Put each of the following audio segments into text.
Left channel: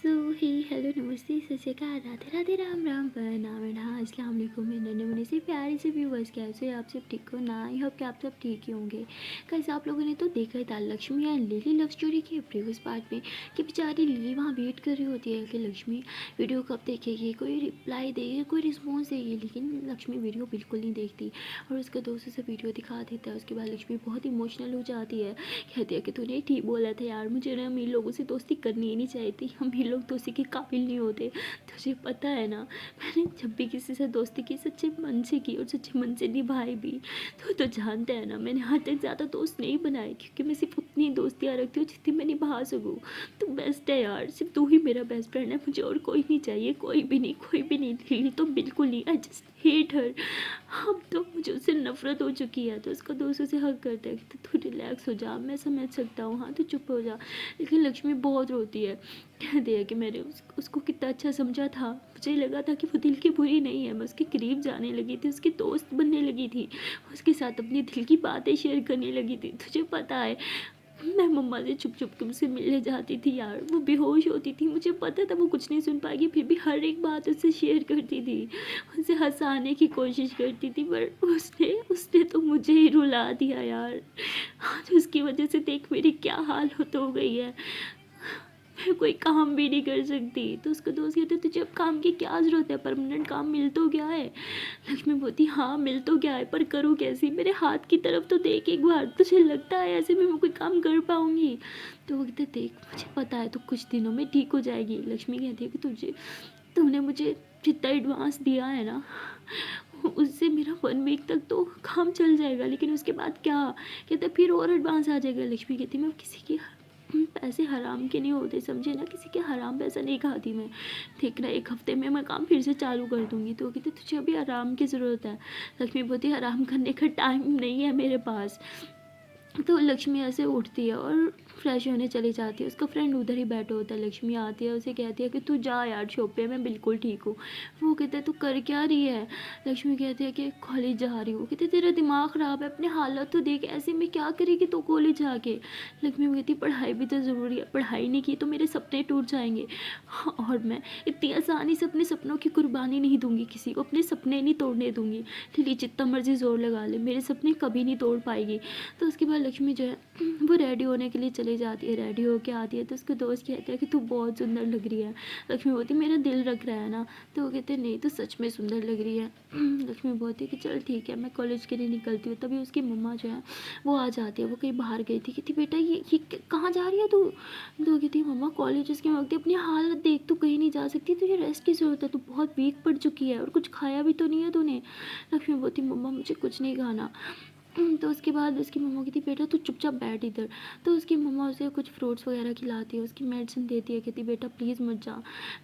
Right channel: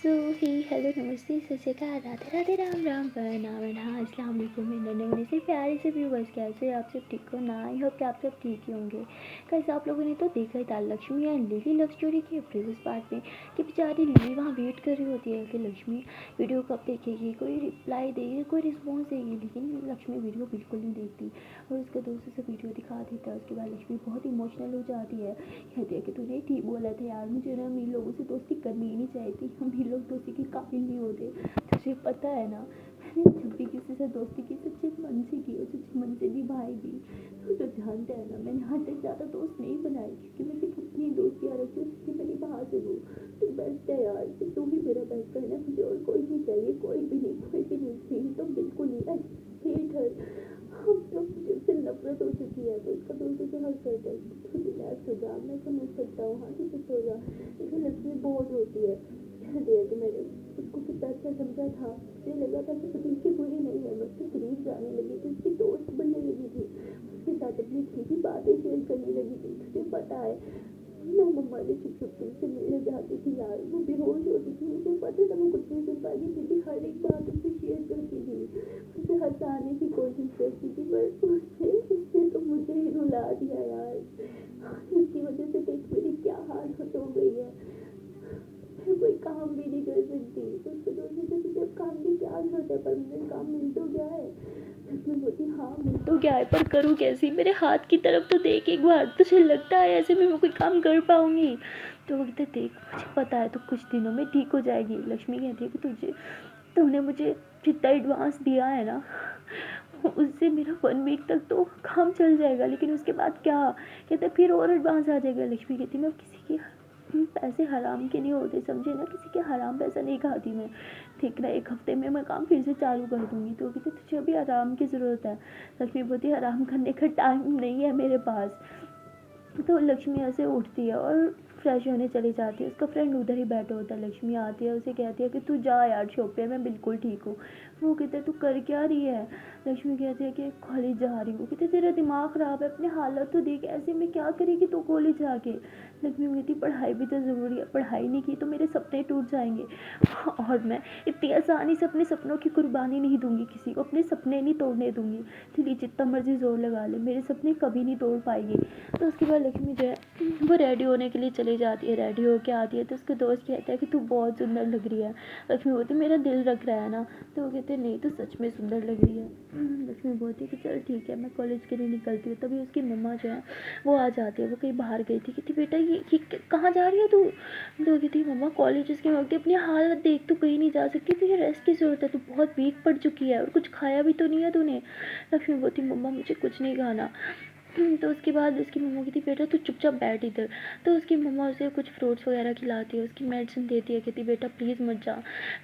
सो ही hello नमस्ते सत श्री अकाल राधे राधे राम राम हाँ अस्सलाम वालेकुम मेरे नन्हे मुन्ने से प्यारे से व्यूवर्स, कैसे हो आप सब? ठीक हो ना? आई होप कि आप सब ठीक ही होंगे। कैसे आप लोगों ने तो देखा ही था Lakshmi and lily love story के प्रीवियस पार्ट में कि बेचारी लिली वहाँ वेट कर रही होती है कि लक्ष्मी वीडियो कब देखेगी, कोई रिप्लाई देगी, कोई रिस्पॉन्स देगी, लेकिन लक्ष्मी वीडियो बिल्कुल नहीं देखती और उसके दोस्त उसे वीडियो दिखा देता है। उसके बाद लक्ष्मी बहुत इमोशनल हो जाती है, कहती है कि तूने ठीक बोला था यार, मुझे ना अमीर लोगों से दोस्ती करनी ही नहीं चाहिए थी, अमीर लोग दोस्ती के काबिल नहीं होते। तुझे पता है ना, मैंने जब भी किसी से दोस्ती की सच्चे मन से की और सच्चे मन से निभाई भी। तो जानता है ना, मैंने आज तक ज़्यादा दोस्त नहीं बनाए क्योंकि मैं सिर्फ उतनी दोस्तियाँ रखती हूँ जितनी मैं निभा सकूँ। तू बेस्ट है यार, सिर्फ तू ही मेरा बेस्ट फ्रेंड है, मुझे और कोई नहीं चाहिए, कोई भी नहीं, कोई भी नहीं। दिल तो बिल्कुल नहीं, आई जस्ट हेट हर। अब तो मुझे उससे नफरत हो चुकी है। तो उसका दोस्त उसे हक करता है कि तू रिलैक्स हो जा, मैं समझ सकता हूँ, हाँ तू चुप हो जा। लेकिन लक्ष्मी बहुत रोती है, कहती है कि मैंने उसको कितना अच्छा समझा था, मुझे लगा था कि वो दिल की बुरी नहीं है, मैं उसके करीब जाने लगी थी, उसकी दोस्त बनने लगी थी, उसके साथ अपनी दिल की बातें शेयर करने लगी थी। तुझे पता है, मैं मम्मा से छुप छुप के उससे मिलने जाती थी यार, वो बेहोश होती थी, मुझे पता था वो कुछ नहीं सुन पाएगी, फिर भी हर एक बात उससे शेयर करती थी, उसे हंसाने की कोशिश करती थी, पर उसने उसने तो मुझे ही रुला दिया यार। आज उसकी वजह से देख मेरी क्या हालत हो गई है, मैं कोई काम भी नहीं कर सकती। तो उसका दोस्त कहते तुझे अब काम की क्या ज़रूरत है, परमानेंट काम मिल तो गया है। लक्ष्मी बोलती हाँ मिल तो गया है, पर करूँ कैसे, मेरे हाथ की तरफ तो देख एक बार, तुझे लगता है ऐसे में मैं कोई काम कर पाऊँगी? तो वो कहते देख मुझे पता है तो कुछ दिनों में ठीक हो जाएगी। लक्ष्मी कहती है कि तूने मुझे जितना एडवांस दिया है ना, उससे मेरा 1 वीक तक तो काम चल जाएगा, लेकिन उसके बाद क्या? कहते फिर और एडवांस आ जाएगा। लक्ष्मी कहती मैं किसी के पैसे हराम के नहीं होते, समझे ना, किसी के हराम पैसा नहीं खाती मैं। ठीक ना, 1 हफ्ते में मैं काम फिर से चालू कर दूंगी। तो कहते तुझे अभी आराम की ज़रूरत है। लक्ष्मी बोलती आराम करने का टाइम नहीं है मेरे पास। तो लक्ष्मी ऐसे उठती है और फ्रेश होने चली जाती है। उसका फ्रेंड उधर ही बैठा होता है। लक्ष्मी आती है, उसे कहती है कि तू जा यार शॉप पे, मैं बिल्कुल ठीक हूँ। वो कहता है तू कर क्या रही है? लक्ष्मी कहती है कि कॉलेज जा रही हूँ। कहते तेरा दिमाग ख़राब है, अपनी हालत तो देख, ऐसे में क्या करेगी तू कॉलेज जाके? लक्ष्मी कहती पढ़ाई भी तो ज़रूरी है, पढ़ाई नहीं की तो मेरे सपने टूट जाएंगे, और मैं इतनी आसानी से अपने सपनों की कुर्बानी नहीं दूंगी किसी को, अपने सपने नहीं तोड़ने दूंगी। ठीक जितना मर्जी जोर लगा ले, मेरे सपने कभी नहीं तोड़ पाएगी। तो उसके बाद लक्ष्मी जो है वो रेडी होने के लिए चली जाती है। रेडी होके आती है तो उसके दोस्त कहता है कि तू बहुत सुंदर लग रही है। लक्ष्मी बोलती मेरा दिल रख रहा है ना? तो वो कहते नहीं, तो सच में सुंदर लग रही है। लक्ष्मी बोलती है कि चल ठीक है, मैं कॉलेज के लिए निकलती हूँ। तभी उसकी मम्मा जो है वो आ जाती है, वो कहीं बाहर गई थी। कहती बेटा ये कहाँ जा रही है तू? तो कहती मम्मा कॉलेज। उसके वक्त अपनी हालत देख, तू कहीं नहीं जा सकती, तुझे रेस्ट की ज़रूरत है, तू बहुत वीक पड़ चुकी है और कुछ खाया भी तो नहीं है तूने। लक्ष्मी बोलती मम्मा मुझे कुछ नहीं खाना। तो उसके बाद उसकी मम्मा कहती बेटा तू चुपचाप बैठ इधर। तो उसकी मम्मा उसे कुछ फ्रूट्स वगैरह खिलाती है, उसकी मेडिसिन देती है, कहती बेटा प्लीज़ मत जा।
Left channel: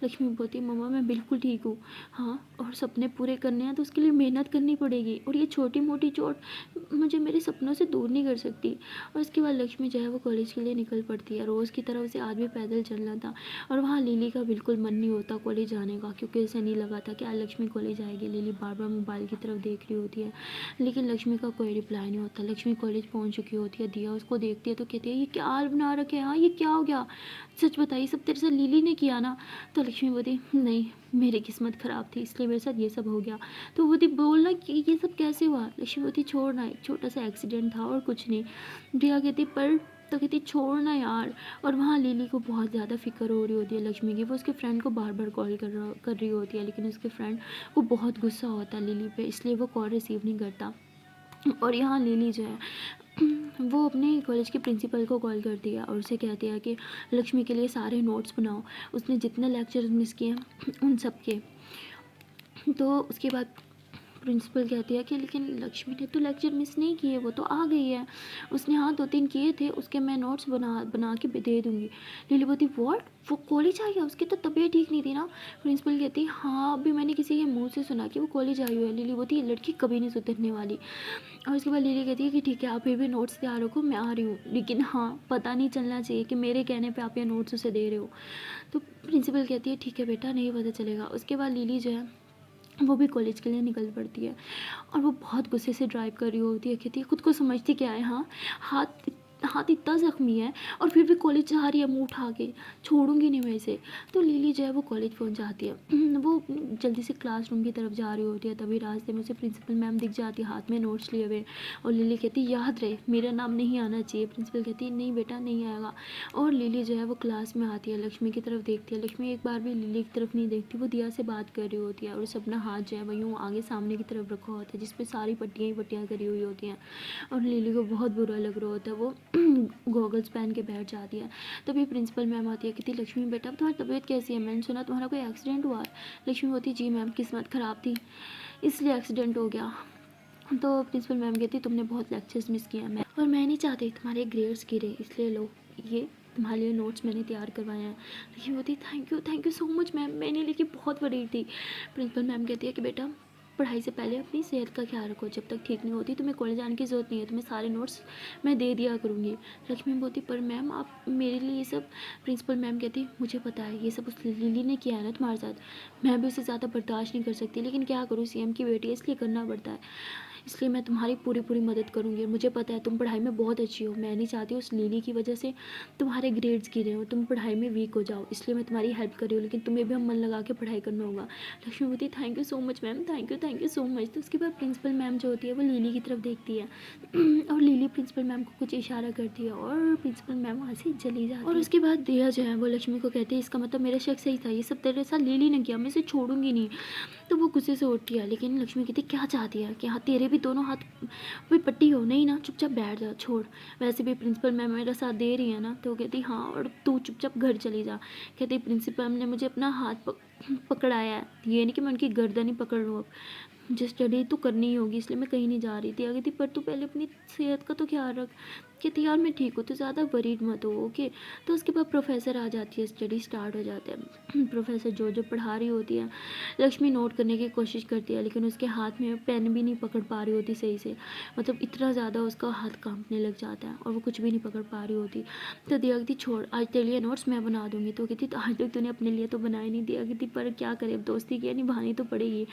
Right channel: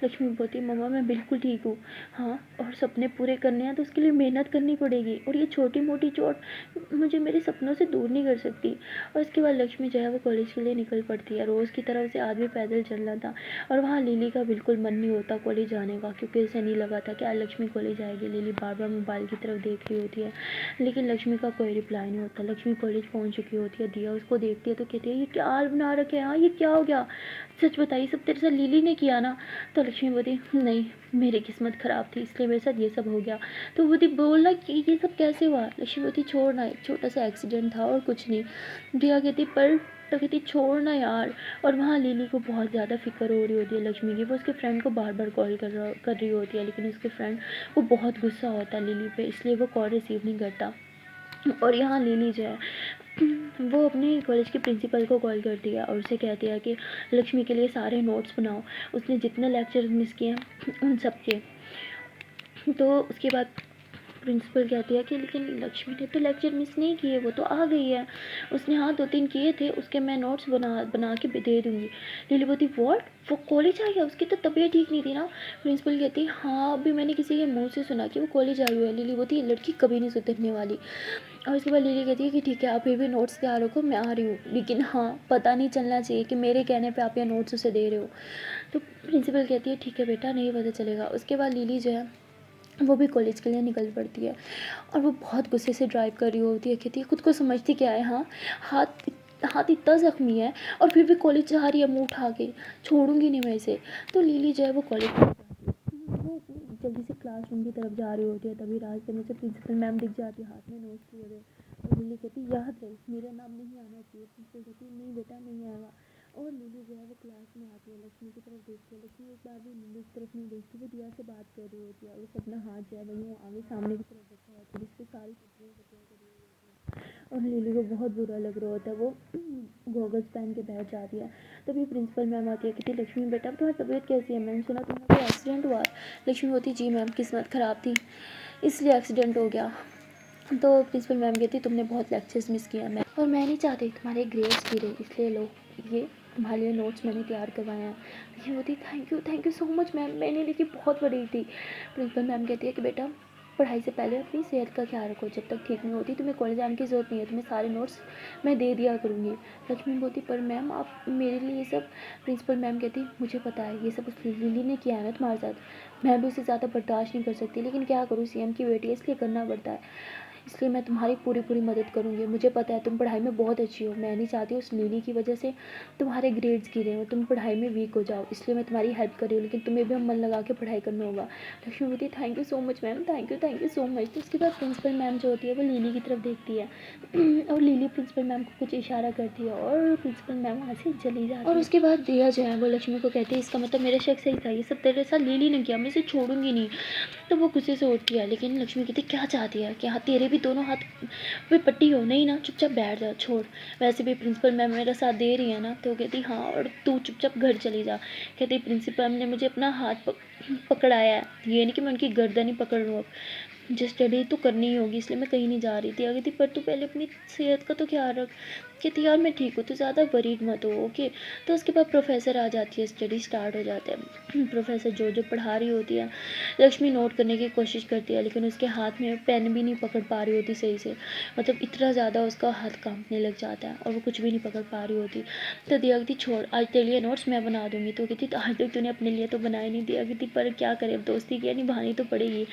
लक्ष्मी बोलती मम्मा मैं बिल्कुल ठीक हूँ। हाँ, और सपने पूरे करने हैं तो उसके लिए मेहनत करनी पड़ेगी, और ये छोटी मोटी चोट मुझे मेरे सपनों से दूर नहीं कर सकती। और उसके बाद लक्ष्मी जो है वो कॉलेज के लिए निकल पड़ती है। रोज़ की तरफ से आज भी पैदल चलना था, और वहाँ लिली का बिल्कुल मन नहीं होता कॉलेज जाने का, क्योंकि उसे नहीं लगा था कि आज लक्ष्मी कॉलेज आएगी। लिली बार बार मोबाइल की तरफ देख रही होती है, लेकिन लक्ष्मी का कोई रिप्लाई नहीं होता। लक्ष्मी कॉलेज पहुंच चुकी होती है, दिया उसको देखती है तो कहती है ये क्या हाल बना रखे हैं, हाँ ये क्या हो गया, सच बताइए सब तेरे साथ लिली ने किया ना? तो लक्ष्मी बोलती नहीं, मेरी किस्मत ख़राब थी इसलिए मेरे साथ ये सब हो गया। तो बोलती बोलना कि ये सब कैसे हुआ? लक्ष्मी बोलती छोड़ना, एक छोटा सा एक्सीडेंट था और कुछ नहीं। दिया कहती पर, तो कहती छोड़ना यार। और वहाँ लिली को बहुत ज़्यादा फिक्र हो रही होती है लक्ष्मी की। वो उसके फ्रेंड को बार बार कॉल कर रही होती है, लेकिन उसके फ्रेंड को बहुत गुस्सा होता है लिली पे, इसलिए वो कॉल रिसीव नहीं करता। और यहाँ लिली जो है वो अपने कॉलेज के प्रिंसिपल को कॉल करती है और उसे कहती है कि लक्ष्मी के लिए सारे नोट्स बनाओ, उसने जितने लेक्चर मिस किए हैं उन सब के। तो उसके बाद प्रिंसिपल कहती है कि लेकिन लक्ष्मी ने तो लेक्चर मिस नहीं किए, वो तो आ गई है, उसने हाँ 2-3 किए थे, उसके मैं नोट्स बना बना के दे दूँगी। लिली बोलती व्हाट, वो कॉलेज आ गया, उसकी तो तबीयत ठीक नहीं थी ना? प्रिंसिपल कहती हाँ अभी मैंने किसी के मुंह से सुना कि वो कॉलेज आई हुई है। लिली बोलती ये लड़की कभी नहीं सुधरने वाली। और उसके बाद लिली कहती है कि ठीक है आप फिर भी नोट्स तैयार रखो, मैं आ रही हूँ, लेकिन हाँ पता नहीं चलना चाहिए कि मेरे कहने पे आप ये नोट्स उसे दे रहे हो। तो प्रिंसिपल कहती है ठीक है बेटा, नहीं पता चलेगा। उसके बाद लिली जो है वो भी कॉलेज के लिए निकल पड़ती है, और वो बहुत गुस्से से ड्राइव कर रही होती है। कहती है खुद को समझती क्या है, हाँ हाथ हाथ इतना ज़ख्मी है और फिर भी कॉलेज जा रही है मुँह उठा के, छोड़ूंगी नहीं मैं इसे। तो लिली जो है वो कॉलेज पहुंच जाती है। वो जल्दी से क्लासरूम की तरफ जा रही होती है, तभी रास्ते में से प्रिंसिपल मैम दिख जाती है हाथ में नोट्स लिए हुए। और लिली कहती है याद रहे मेरा नाम नहीं आना चाहिए। प्रिंसिपल कहती है नहीं बेटा नहीं आएगा। और लिली जो है वो क्लास में आती है, लक्ष्मी की तरफ देखती है। लक्ष्मी एक बार भी लिली की तरफ नहीं देखती, वो दिया से बात कर रही होती है और उसे अपना हाथ जो है वो यूँ आगे सामने की तरफ रखा होता है, जिसपे सारी पट्टियाँ ही पट्टियाँ करी हुई होती हैं। और लिली को बहुत बुरा लग रहा होता है, वो गॉगल्स पहन के बैठ जाती है। तभी प्रिंसिपल मैम आती है, कहती लक्ष्मी बेटा तुम्हारी तबीयत कैसी है, मैंने सुना तुम्हारा कोई एक्सीडेंट हुआ है। लक्ष्मी होती जी मैम किस्मत ख़राब थी इसलिए एक्सीडेंट हो गया। तो प्रिंसिपल मैम कहती तुमने बहुत लेक्चर्स मिस किया मैम, और मैं नहीं चाहती तुम्हारे ग्रेड्स गिरे, इसलिए लो ये तुम्हारे लिए नोट्स मैंने तैयार करवाए हैं। लक्ष्मी होती thank you so much ma'am, मैंने लेके बहुत बड़ी थी। प्रिंसिपल मैम कहती है कि बेटा पढ़ाई से पहले अपनी सेहत का ख्याल रखो, जब तक ठीक नहीं होती तुम्हें कॉलेज आने की ज़रूरत नहीं है, तुम्हें सारे नोट्स मैं दे दिया करूँगी। लक्ष्मी बोलती पर मैम आप मेरे लिए ये सब। प्रिंसिपल मैम कहती मुझे पता है ये सब उस लिली ने किया है ना तुम्हारे साथ, मैं भी उसे ज़्यादा बर्दाश्त नहीं कर सकती, लेकिन क्या करूँ सीएम की बेटी है इसलिए करना पड़ता है, इसलिए मैं तुम्हारी पूरी मदद करूँगी। मुझे पता है तुम पढ़ाई में बहुत अच्छी हो, मैं नहीं चाहती उस लिली की वजह से तुम्हारे ग्रेड्स गिरे हो, तुम पढ़ाई में वीक हो जाओ, इसलिए मैं तुम्हारी हेल्प कर रही हूँ, लेकिन तुम्हें भी हम मन लगा के पढ़ाई करना होगा। लक्ष्मी बोलती thank you so much ma'am, thank you so much. तो उसके बाद प्रिंसिपल मैम जो होती है वो लिली की तरफ देखती है और लिली प्रिंसिपल मैम को कुछ इशारा करती है और प्रिंसिपल मैम वहाँ से चली जाती है। और उसके बाद दिया जो है वो लक्ष्मी को कहती है इसका मतलब मेरा शक सही था, ये सब तेरे साथ लिली ने किया, मैं इसे छोड़ूंगी नहीं। तो वो गुस्से से उठती है, लेकिन लक्ष्मी कहती क्या चाहती है कि हाँ तेरे भी दोनों हाथ पे पट्टी हो, नहीं ना चुपचाप बैठ जा छोड़, वैसे भी प्रिंसिपल मैम मेरा साथ दे रही है ना। तो कहती हाँ और तू चुपचाप घर चली जा। कहती प्रिंसिपल मैम ने मुझे अपना हाथ पकड़ाया है, ये नहीं कि मैं उनकी गर्दन ही पकड़ लूँ, अब मुझे स्टडी तो करनी ही होगी, इसलिए मैं कहीं नहीं जा रही थी। अगर थी पर तू पहले अपनी सेहत का तो ख्याल रख। कहती यार मैं ठीक हूँ, तो ज़्यादा वरीड मत हो ओके। तो उसके बाद प्रोफेसर आ जाती है, स्टडी स्टार्ट हो जाता है। प्रोफेसर जो पढ़ा रही होती है, लक्ष्मी नोट करने की कोशिश करती है, लेकिन उसके हाथ में पेन भी नहीं पकड़ पा रही होती सही से, मतलब इतना ज़्यादा उसका हाथ कांपने लग जाता है और वो कुछ भी नहीं पकड़ पा रही होती। तो दिया कहती छोड़ आज तेरे लिए नोट्स मैं बना दूँगी। तो कहती आज तक तूने अपने लिए तो बनाए नहीं। दिया कहती पर क्या करे, अब दोस्ती की निभानी तो पड़ेगी।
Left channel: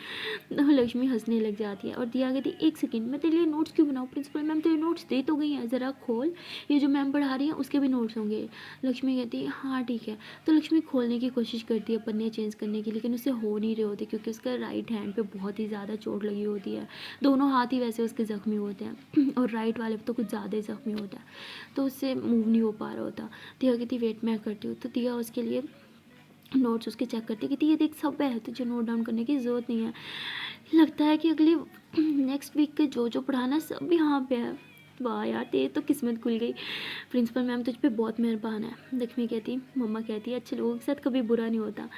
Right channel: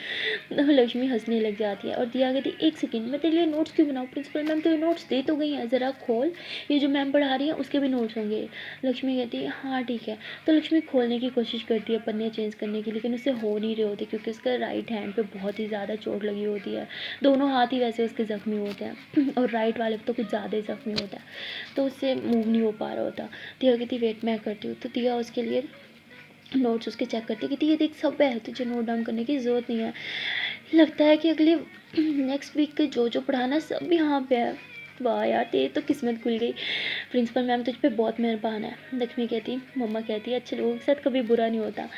तो लक्ष्मी हंसने लग जाती है और दिया कहती एक सेकंड मैं तेरे लिए नोट्स क्यों बनाऊँ, प्रिंसिपल मैम तो ये नोट्स दे तो गई हैं, ज़रा खोल, ये जो मैम पढ़ा रही है उसके भी नोट्स होंगे। लक्ष्मी कहती है हाँ ठीक है। तो लक्ष्मी खोलने की कोशिश करती है पन्ने चेंज करने की, लेकिन उससे हो नहीं रहे होते क्योंकि उसका राइट हैंड पे बहुत ही ज़्यादा चोट लगी होती है, दोनों हाथ ही वैसे उसके ज़ख्मी होते हैं और राइट वाले पे तो कुछ ज़्यादा ही ज़ख्मी होता है, तो उससे मूव नहीं हो पा रहा होता। दिया कहती वेट मैं करती हूँ। तो दिया उसके लिए नोट्स उसके चेक करती है कि ये देख सब है, तुझे नोट डाउन करने की ज़रूरत नहीं है। लगता है कि अगले नेक्स्ट वीक के जो पढ़ाना सब यहाँ पे है। वाह यार तेरी तो किस्मत खुल गई, प्रिंसिपल मैम तुझ पे बहुत मेहरबान है। लक्ष्मी कहती मम्मा कहती है अच्छे लोगों के साथ कभी बुरा नहीं होता,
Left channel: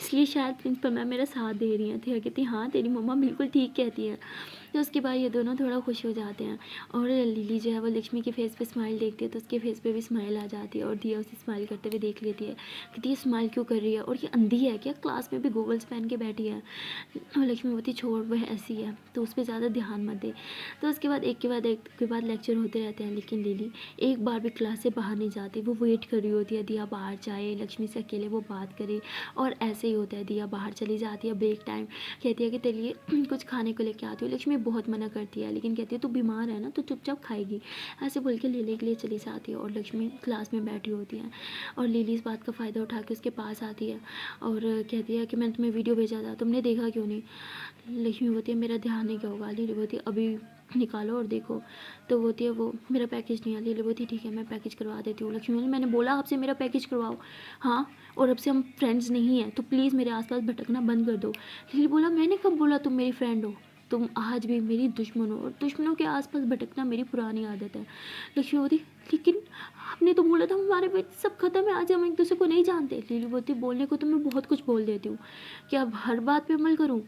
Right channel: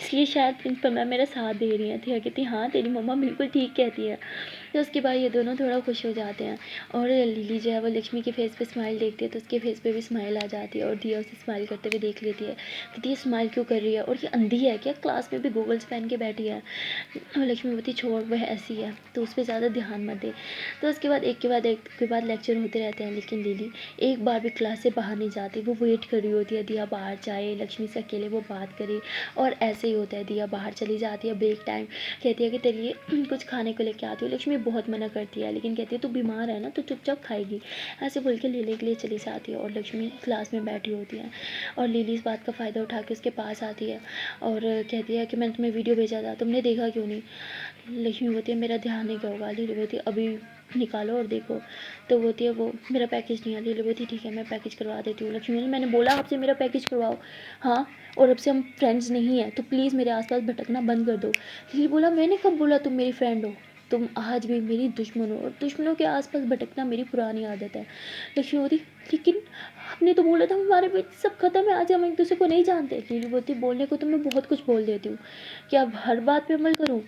इसलिए शायद प्रिंसिपल मैम मेरा साथ दे रही हैं। थिया कहती हाँ तेरी मम्मा बिल्कुल ठीक कहती है। तो उसके बाद ये दोनों थोड़ा खुश हो जाते हैं और लिली जो है वो लक्ष्मी के फेस पे स्माइल देखती है तो उसके फेस पे भी स्माइल आ जाती है और दिया उसे स्माइल करते हुए देख लेती है। कहती ये स्माइल क्यों कर रही है और ये अंधी है क्या, क्लास में भी गूगल्स पहन के बैठी है। और लक्ष्मी बोलती छोड़ वह ऐसी है तो उस पर ज़्यादा ध्यान मत दे। तो उसके बाद एक के बाद लेक्चर होते रहते हैं, लेकिन लिली एक बार भी क्लास से बाहर नहीं जाती, वो वेट कर रही होती है दिया बाहर जाए, लक्ष्मी से अकेले वो बात करे। और ऐसे ही होता है, दिया बाहर चली जाती है ब्रेक टाइम, कहती है कि तेरे लिए कुछ खाने को लेके आती हूँ। लक्ष्मी बहुत मना करती है लेकिन कहती है तू बीमार है ना तो चुपचाप खाएगी, ऐसे बोल के लेने के लिए चली जाती है। और लक्ष्मी क्लास में बैठी होती है और लिली इस बात का फ़ायदा उठा के उसके पास आती है और कहती है कि मैंने तुम्हें वीडियो भेजा था तुमने देखा क्यों नहीं। लक्ष्मी बोलती है मेरा ध्यान नहीं गया होगा। लिली बोलती है अभी निकालो और देखो। तो बोलती है वो मेरा पैकेज नहीं है। लिली बोलती है ठीक है मैं पैकेज करवा देती हूँ। लक्ष्मी बोली मैंने बोला आपसे मेरा पैकेज करवाओ, हाँ और अब से हम फ्रेंड्स नहीं हैं तो प्लीज़ मेरे आसपास भटकना बंद कर दो। लिली बोला मैंने कब बोला तुम मेरी फ्रेंड हो, तुम आज भी मेरी दुश्मन हो और दुश्मनों के आसपास भटकना मेरी पुरानी आदत है। लक्ष्मी बोलती लेकिन आपने तो बोला था हमारे बीच सब खत्म है, आज हम एक दूसरे को नहीं जानते। लिली बोलती बोलने को तो मैं बहुत कुछ बोल देती हूँ, क्या अब हर बात पे अमल करूँ।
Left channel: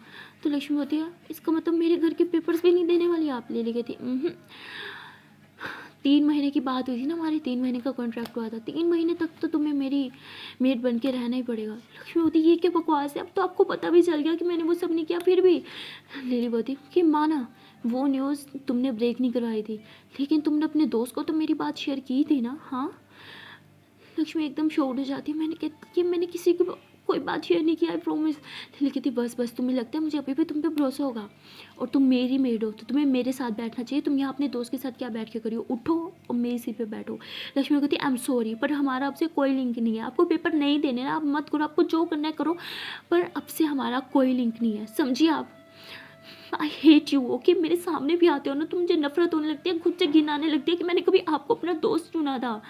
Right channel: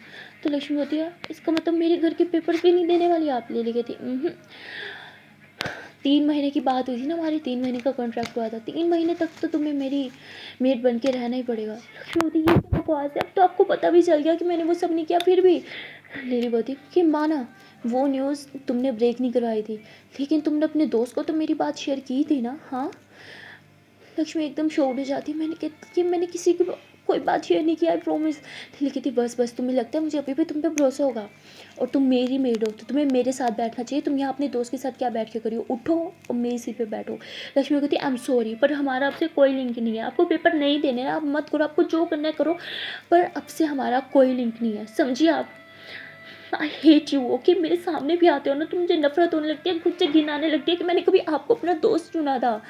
तो लक्ष्मी बोलती है इसका मतलब मेरे घर के पेपर्स भी नहीं देने वाली आप। लिली कहती 3 महीने की बात हुई थी ना हमारी, 3 महीने का कॉन्ट्रैक्ट हुआ था, 3 महीने तक तो तुम्हें मेरी मेड बन के रहना ही पड़ेगा। लक्ष्मी बोलती ये क्या बकवास है, अब तो आपको पता भी चल गया कि मैंने वो सब नहीं किया फिर भी। लिली बोलती कि माना वो न्यूज़ तुमने ब्रेक नहीं करवाई थी लेकिन तुमने अपने दोस्त को तो मेरी बात शेयर की थी ना। हाँ लक्ष्मी एकदम शॉक्ड हो जाती है, मैंने किसी को कोई बात शेयर नहीं की, आई प्रॉमिस। लिली कहती बस बस, तुम्हें लगता है मुझे अभी भी तुम पे भरोसा होगा? और तुम मेरी मेड हो तो तुम्हें मेरे साथ बैठना चाहिए, तुम यहाँ अपने दोस्त के साथ क्या बैठ के करियो, उठो और मेरी सीट पे बैठो। लक्ष्मी कहती आई एम सॉरी, पर हमारा आपसे कोई लिंक नहीं है, आपको पेपर नहीं देने ना, आप मत करो, आपको जो करना है करो, पर अब से हमारा कोई लिंक नहीं है, समझिए आप। I hate you, okay? मेरे सामने भी आते हो ना तो मुझे नफरत होने लगती है, खुद से घिन आने लगती है कि मैंने कभी आपको अपना दोस्त चुना था।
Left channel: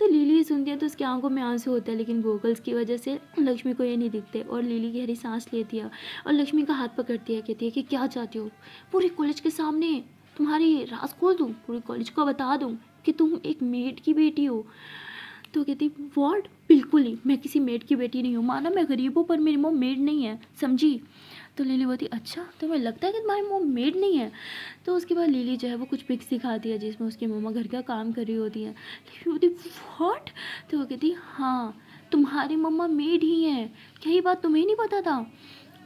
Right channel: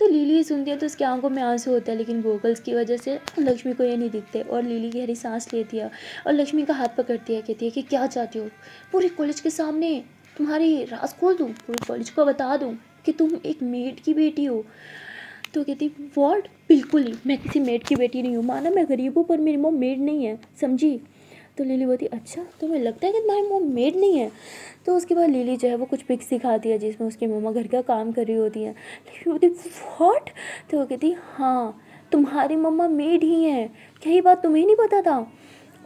तो लिली सुनती है तो उसकी आंखों में आंसू होता है, लेकिन गोगल्स की वजह से लक्ष्मी को ये नहीं दिखते, और लिली गहरी सांस लेती है और लक्ष्मी का हाथ पकड़ती है, कहती है कि क्या चाहती हो? पूरे कॉलेज के सामने तुम्हारी राज खोल दूँ, पूरे कॉलेज को बता दूँ कि तुम एक मेड की बेटी हो? तो कहती वॉट? बिल्कुल नहीं, मैं किसी मेड की बेटी नहीं हूँ, माना मैं गरीब हूँ पर मेरी मॉम मेड नहीं है, समझी? तो लिली बोलती अच्छा, तुम्हें लगता है कि तुम्हारी मॉम मेड नहीं है? तो उसके बाद लिली जो है वो कुछ पिक्स दिखाती है जिसमें उसकी मम्मा घर का काम कर रही होती है। लिली बोलती व्हाट? तो वो कहती हाँ, तुम्हारी मम्मा मेड ही है, क्या ये बात तुम्हें नहीं पता था?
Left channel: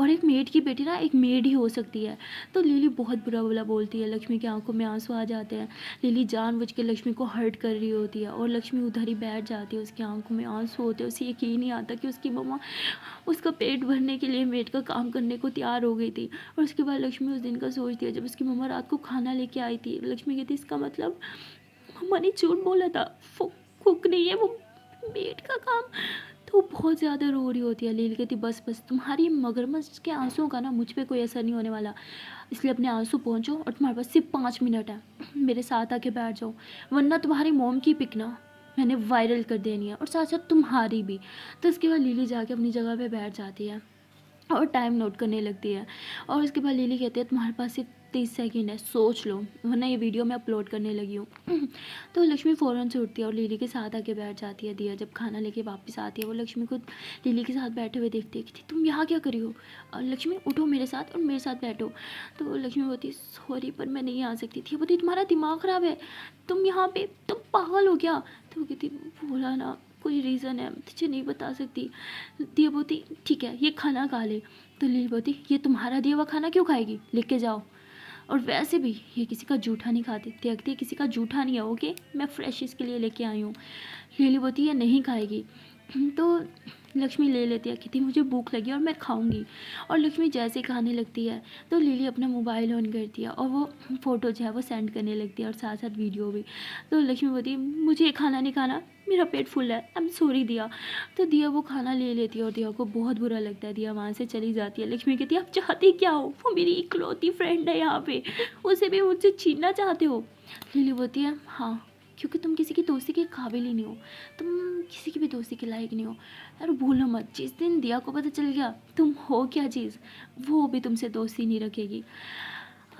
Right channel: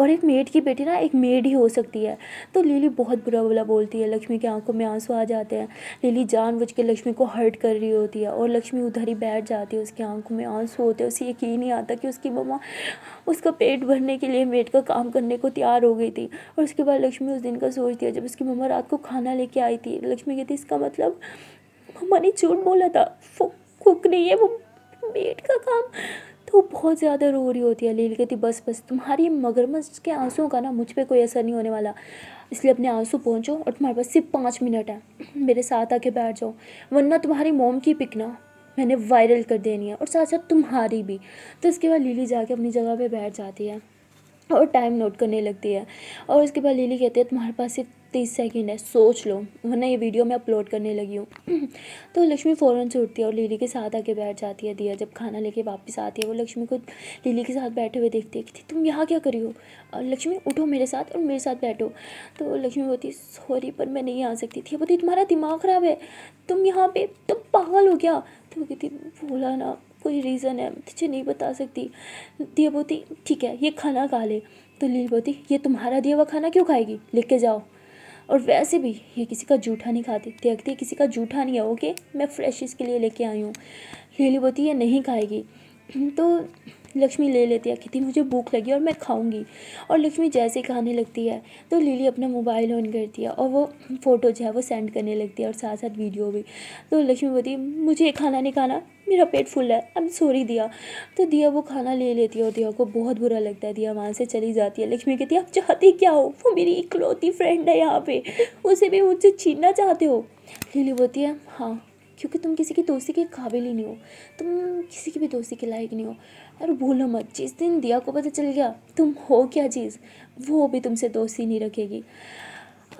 और एक मेड की बेटी ना एक मेड ही हो सकती है। तो लिली बहुत बुरा बुरा बोलती है, लक्ष्मी की आंखों में आंसू आ जाते हैं। लिली जानबूझ के लक्ष्मी को हर्ट कर रही होती है और लक्ष्मी उधर ही बैठ जाती है, उसकी आंखों में आंसू होते हैं, उसे यकीन नहीं आता कि उसकी मम्मा उसका पेट भरने के लिए मेड का काम करने को तैयार हो गई थी। और उसके बाद लक्ष्मी उस दिन का सोचती है जब उसकी मम्मा रात को खाना लेके आई थी। लक्ष्मी कहती इसका मतलब मम्मा ने झूठ बोला था, वो कुक नहीं है, वो मेड का काम। तो बहुत ज़्यादा रो रही होती है। लिली कहती बस बस, तुम्हारी मगरमच्छ के आंसुओं का ना मुझ पे कोई असर नहीं होने वाला, इसलिए अपने आंसू पहुँचो और तुम्हारे पास सिर्फ 5 मिनट है, मेरे साथ आके बैठ जाओ, वरना तुम्हारी मोम की पिक ना मैंने वायरल कर देनी है और साथ साथ तुम्हारी भी। तो उसके बाद लिली जाके अपनी जगह पे बैठ जाती है और टाइम नोट करने लगती है। और उसके बाद लिली कहती है तुम्हारे पास सिर्फ 30 सेकेंड है, सोच लो, वरना ये वीडियो मैं अपलोड करने लगी हूँ। तो लक्ष्मी फ़ौरन से उठती है और लिली के साथ आके बैठ जाती है। दिया जब खाना लेके वापस आती है वो लक्ष्मी को लिली के साथ बैठे हुए देखती है कि तुम यहाँ क्या करी हो? और लक्ष्मी उठो मेरे साथ और मेरे साथ बैठो। तो लक्ष्मी बोलती सॉरी पर मैं नहीं आ सकती थी। बोलती तुम्हारा दिमाग ख़राब है, तुम यहाँ पे तुम पागल हो क्या? तो वो कहती बोला ना कोई रीज़न है, तुझे नहीं बता सकती। दिया बोलती ठीक है ये खाना खा ले। तो लील बोलती ये तुम्हारा दिया हुआ खाना क्यों खाएगी, लेके जाओ, और वैसे भी ये किसी का जूठा नहीं खाती। देखती किसी का जूठा नहीं है, ओके, मैं फ्रेश इसके लिए लेके आई हूँ। लीली बोलती ये नहीं खाएगी। तो लक्ष्मी ले लेती है, कहती मुझे भूख लगी और मैं खाऊंगी। और लक्ष्मी जैसे ही खाने लगती है तो लिली अपना मोबाइल ऑन करती है और वो फ़ोटो जो है वो सेंड करने लगती है और साथ साथ वीडियो भी। तो लक्ष्मी बोलती है मुझे ये खाना नहीं खाना, मेरा पेट फुल है, आई एम सॉरी दिया। तो दिया वो खाना ले लेती है और दिया को बहुत बुरा लगता है। दिया वहाँ से चली जाती है। लक्ष्मी कहती है आप चाहती क्या हो? वो मेरी इकलौती फ्रेंड है यहाँ पे, उसे भी मुझसे छीनना चाहते हो? लिली बोलती है हाँ, क्योंकि तुम किसी की दोस्ती के काबिल ही नहीं हो, तुम किसी की भी दोस्ती के लायक नहीं हो। और भूलो मत जिस दिन दिया को पता चल गया तुम हो क्या चीज़, वो भी तुमसे दोस्ती नहीं रखेगी।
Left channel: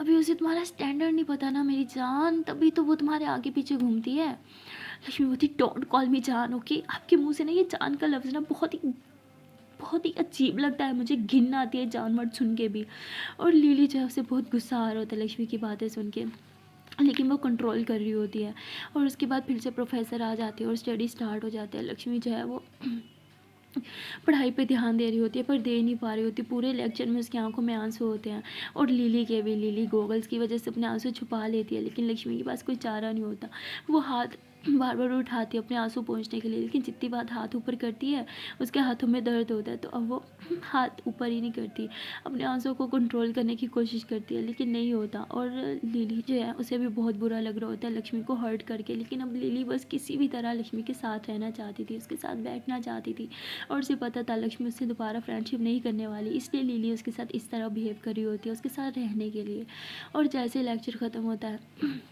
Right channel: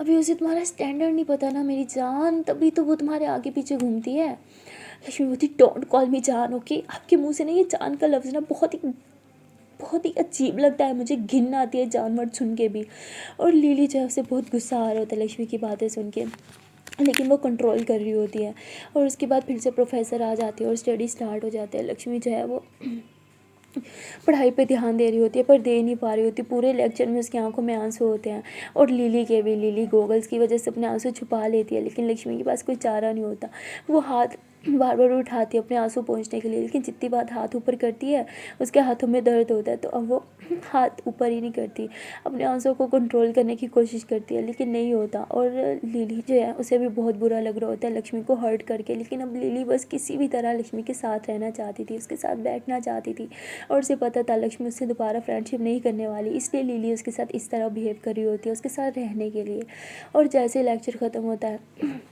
अभी उसे तुम्हारा स्टैंडर्ड नहीं पता ना मेरी जान, तभी तो वो तुम्हारे आगे पीछे घूमती है। लक्ष्मी बोलती डोंट कॉल मी जान, ओके? आपके मुंह से ना ये जान का लफ्ज़ ना बहुत ही अजीब लगता है, मुझे घिन आती है जानवर सुन के भी। और लिली जो है उसे बहुत गुस्सा आ रहा होता है लक्ष्मी की बातें सुन के, लेकिन वो कंट्रोल कर रही होती है। और उसके बाद फिर से प्रोफेसर आ जाते हैं और स्टडी स्टार्ट हो जाते हैं। लक्ष्मी जो है वो पढ़ाई पे ध्यान दे रही होती है पर दे नहीं पा रही होती। पूरे लेक्चर में उसकी आंखों में आंसू होते हैं और लिली के भी। लिली गॉगल्स की वजह से अपने आंसू छुपा लेती है, लेकिन लक्ष्मी के पास कोई चारा नहीं होता। वो हाथ बार बार उठाती है अपने आंसू पोंछने के लिए, लेकिन जितनी बार हाथ ऊपर करती है उसके हाथों में दर्द होता है, तो अब वो हाथ ऊपर ही नहीं करती, अपने आंसू को कंट्रोल करने की कोशिश करती है, लेकिन नहीं होता। और लिली जो है उसे भी बहुत बुरा लग रहा होता है लक्ष्मी को हर्ट करके, लेकिन अब लिली बस किसी भी तरह लक्ष्मी के साथ रहना चाहती थी, उसके साथ बैठना चाहती थी। और उसे पता था लक्ष्मी उससे दोबारा फ्रेंडशिप नहीं करने वाली, इसलिए लिली उसके साथ इस तरह बिहेव कर रही होती है उसके साथ रहने के लिए। और जैसे लेक्चर ख़त्म होता है,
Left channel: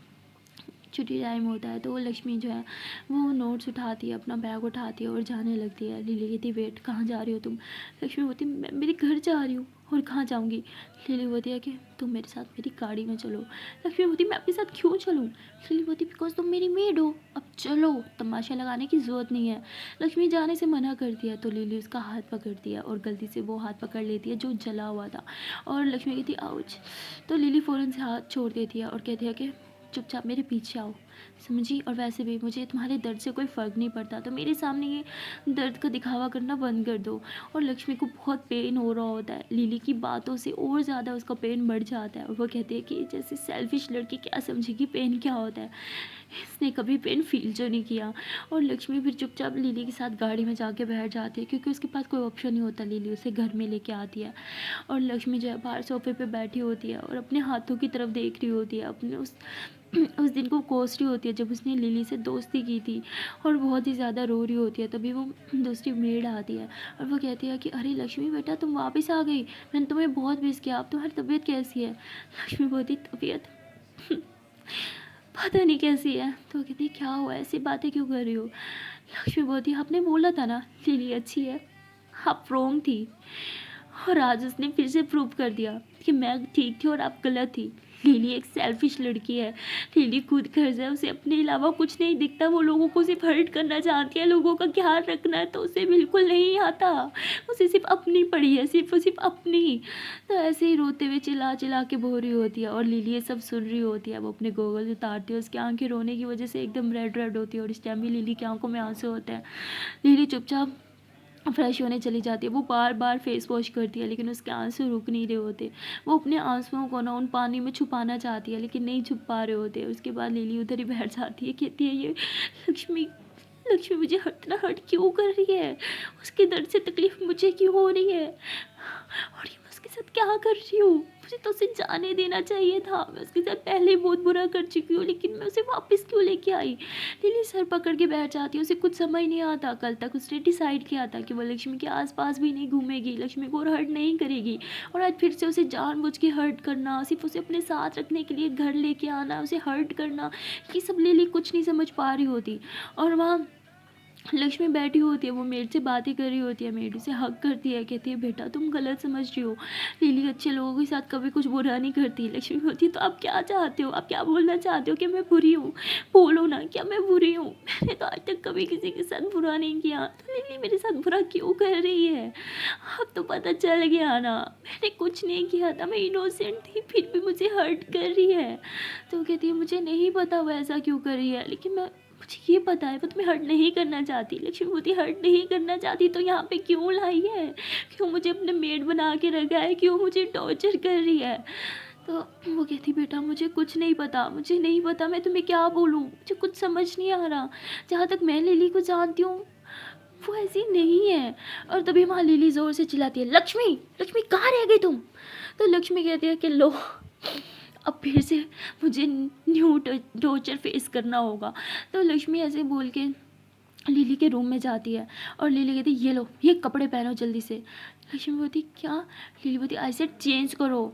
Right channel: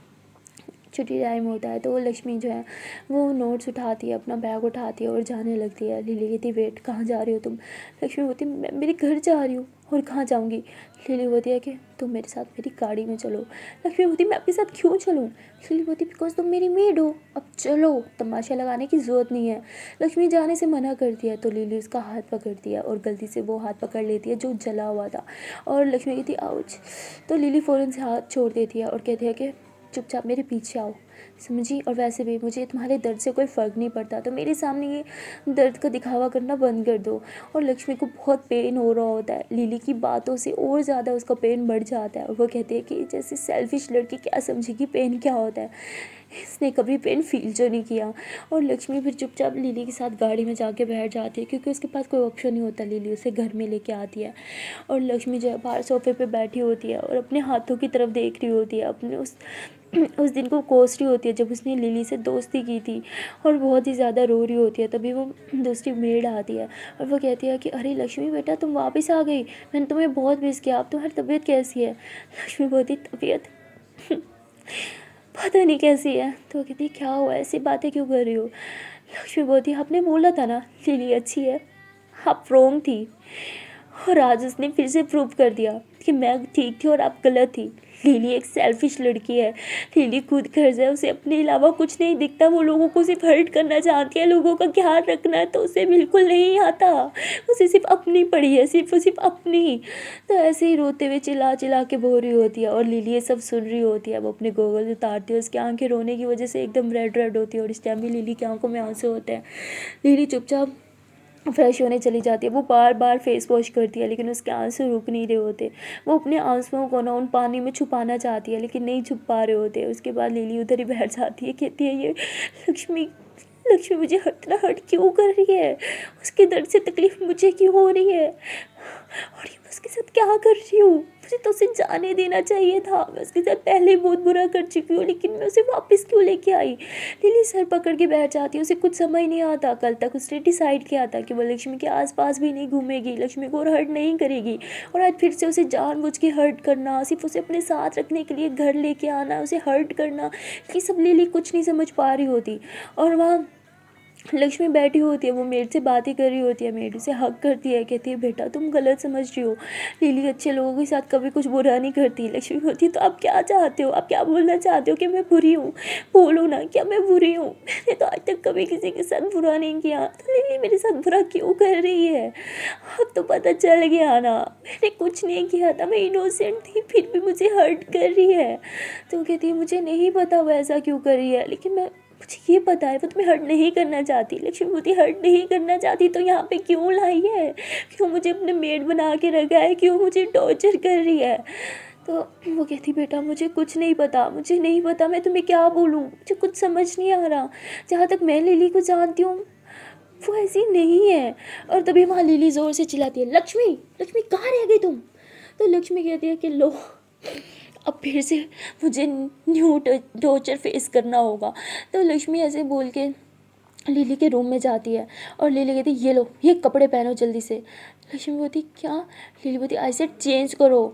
छुट्टी टाइम होता है, तो वो लक्ष्मी जो है वो नोट्स उठाती है, अपना बैग उठाती है और जाने लगती है। लिली कहती वेट कहाँ जा रही हो तुम? लक्ष्मी बोलती मैं मेरे घर जा रही हूँ। और कहाँ जाऊँगी? लिली बोलती है कि तुम मेरे साथ मेरी गाड़ी में चलो। लक्ष्मी बोलती मैं आपके साथ क्यों चलूँ? लिली बोलती बिकॉज तुम मेरी मेड हो, अब चलो, तमाशा लगाने की ज़रूरत नहीं है। लक्ष्मी जाने से मना करती है तो लिली उसका हाथ पकड़ती है और गलती से वो हाथ पकड़ लेती है जो जला हुआ था। और लक्ष्मी कहती आउच। तो लिली फ़ौरन से हाथ छोड़ देती है और कहती है कि चुपचाप मेरे पीछे आओ, समझी? और वैसे भी मुझे तुम्हारे दर्द से कोई फ़र्क नहीं पड़ता, तो मेरे सामने ये दर्द का दिखावा करना बंद कर दो। और लक्ष्मी को बहुत पेन हो रहा होता है, लिली की बातों से और ज़्यादा उसका पेन बढ़ जाता है और वो कहती है कि जैसे सेल्फिश लड़की क्या समझेगी पेन क्या होता है। इसने कभी पेन फील जो नहीं किया। और लक्ष्मी फिर चुपचाप लिली के साथ गाड़ी में जाके बैठ जाती है, क्योंकि उसके पास कोई ऑप्शन नहीं होता। लिली उसे घर में लेके आती है और लक्ष्मी जो है बाहर सोफे पे बैठी होती है और अपने हाथों की तरफ देख रही होती है, अपने उस दिन को कोस रही होती है जब उसने लिली से दोस्ती की थी, और बहुत ही ज़्यादा रो रही होती है। तभी वो दूसरी मेड आती है और वो कहती है कि अरे लक्ष्मी बेटा, तुम वापस आ गई, मैंने तुम्हें बहुत मिस किया, अब तुम्हारी तबीयत कैसी है? लक्ष्मी बोलती तबीयत पता नहीं कैसी है। तो वो कहती क्या हुआ, ऐसी बातें क्यों कर रही हो? लक्ष्मी बोलती आपने बोला था ना लिली अच्छी है, आप रॉन्ग थी, और आज उसने फिर से प्रूव कर दिया कि मैं ठीक थी और आप गलत थी। लिली एक सेल्फिश लड़की है, लिली खुद गर्ज है, उसे अपने अलावा कुछ नहीं दिखता, वो लोगों को सिर्फ हर्ट करना चाहती है, लोगों का ख्याल रखना है तो उसे बिल्कुल नहीं आता, उसे सिर्फ अपनी पड़ी है, सिर्फ अपनी। तो ऐसे ही रोते हुए चिल्ला चिल्ला के बोल रही होती है और लिली ये सब सुन रही होती है। वो अपने गोगल उतारती है, उसकी आंखें रोने की वजह से एकदम रेड रेड होती है और इस टाइम भी लिली की आंखों में आंसू होते हैं। लिली चुपचाप फ्रेश होने चली जाती है, वो बार बार फेस वॉश करती है लेकिन उसके आंसू रुक नहीं रहे होते। वो अपने आंसुओं को ना उन पानी में छुपाना चाहती है लेकिन नहीं छुप पा रहे होते। उसके बाद लिली उधर ही बैठ जाती है, कहती है ये लक्ष्मी लक्ष्मी मुझे इतना हर्ट क्यों कर रही है, उसके दर्द से तकलीफ मुझे क्यों हो रही है, और ये मैं उसके साथ क्या कर रही हूँ? मुझे तो उसे जाने देना चाहिए था, मैं उसके साथ पहले ही बहुत बुरा कर चुकी हूँ, लेकिन मैं उसे वापस क्यों लेके आई? लिली सर पकड़ के बैठ जाती है, उसे कुछ समझ नहीं आता। कल तक उसने डिसाइड किया था कि वो लक्ष्मी के आसपास भी नहीं घूमेगी, लक्ष्मी को और हर्ट नहीं करेगी, और आज फिर से उसे जानबूझ के हर्ट करना, सिर्फ उसे अपने साथ रखने के लिए घर लेके आना, उसे हर्ट करना, ये सब लिली कुछ नहीं समझ पा रही होती। और वहाँ लक्ष्मी बैठी होती है, वो मेड से बातें कर रही होती है, मेड उसे हक करती है, कहती है बेटा तुम गलत समझ रही हो, लिली अच्छे लोगों के साथ कभी कुछ बुरा नहीं करती। लक्ष्मी बोलती तो आप क्या चाहते हो, आप क्या बोलना चाहते हो कि मैं बुरी हूँ? बोलो ना, क्या मैं बुरी हूँ? मैंने तो आज तक कभी किसी के साथ बुरा नहीं किया, तो लिली मेरे साथ बुरा क्यों कर रही है? अब तो पता चल गया ना, मैंने कुछ नहीं किया था, मैं इनोसेंट थी, फिर भी मुझे हर्ट कर रही है। तो कहती है मुझे नहीं पता वो ऐसा क्यों कर रही है, लेकिन मुझे ये पता है वो तुम्हें हर्ट नहीं करना चाहती। लक्ष्मी बोलती हर्ट नहीं करना चाहती तो यहाँ पे क्यों लाई है, क्यों मुझे अपने मेड बना के रखा है, क्यों मुझे टॉर्चर कर रही है? तो वो कहती बेटा मुझे कुछ नहीं पता, मुझे नहीं पता, मैं तुम्हें क्या बोलूँ, मुझे कुछ समझ नहीं आ रहा। जहाँ तक मैं लिली को जानती हूँ वो ऐसी नहीं है। और तभी वहाँ लिली ज़ोर से चिल्लाती है लक्ष्मी लक्ष्मी कहाँ रह गई तुम? तो लक्ष्मी कहती है कि लो अब फिर से मुझे न्यू टॉर्चर फेस करना होगा। तो लक्ष्मी ऐसे बोल के लिली के रूम में जाती है और लिली कहती ये लो ये कपड़े पहनो जल्दी से। लक्ष्मी बोलती क्या? लिली बोलती आई सेड चेंज करो।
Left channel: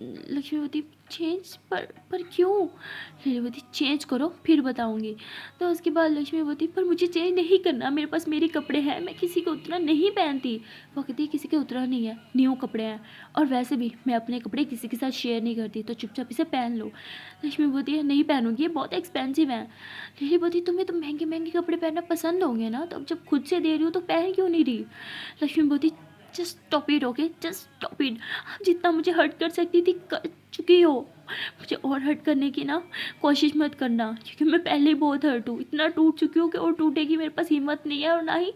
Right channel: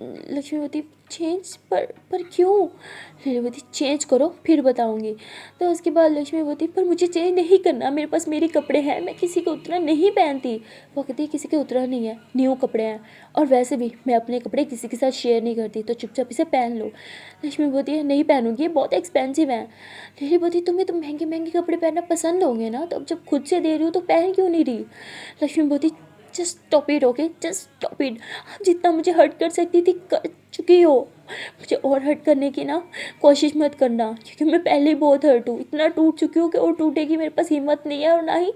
लक्ष्मी बोलती चेंज पर क्यों? लिली बोलती चेंज करो फिर बताऊंगी। तो उसके बाद लक्ष्मी बोलती पर मुझे चेंज नहीं करना, मेरे पास मेरे कपड़े हैं, मैं किसी के उतना नहीं पहनती। वो कहती किसी के उतना नहीं है, न्यू कपड़े हैं, और वैसे भी मैं अपने कपड़े किसी के साथ शेयर नहीं करती, तो चुपचाप इसे पहन लो। लक्ष्मी बोलती है नहीं पहनूंगी, ये बहुत एक्सपेंसिव हैं। लिली बोलती तुम्हें तो महंगे महंगे कपड़े पहनना पसंद होंगे ना, तो अब जब खुद से दे रही हो तो पहन क्यों नहीं रही? लक्ष्मी बोलती just stop it, okay just stop it, जितना मुझे हर्ट कर सकती थी कर चुकी हो, मुझे और हर्ट करने की ना कोशिश मत करना, क्योंकि मैं पहले ही बहुत हर्ट हूँ, इतना टूट चुकी हूँ कि और टूटेगी मेरे पास हिम्मत नहीं है, और ना ही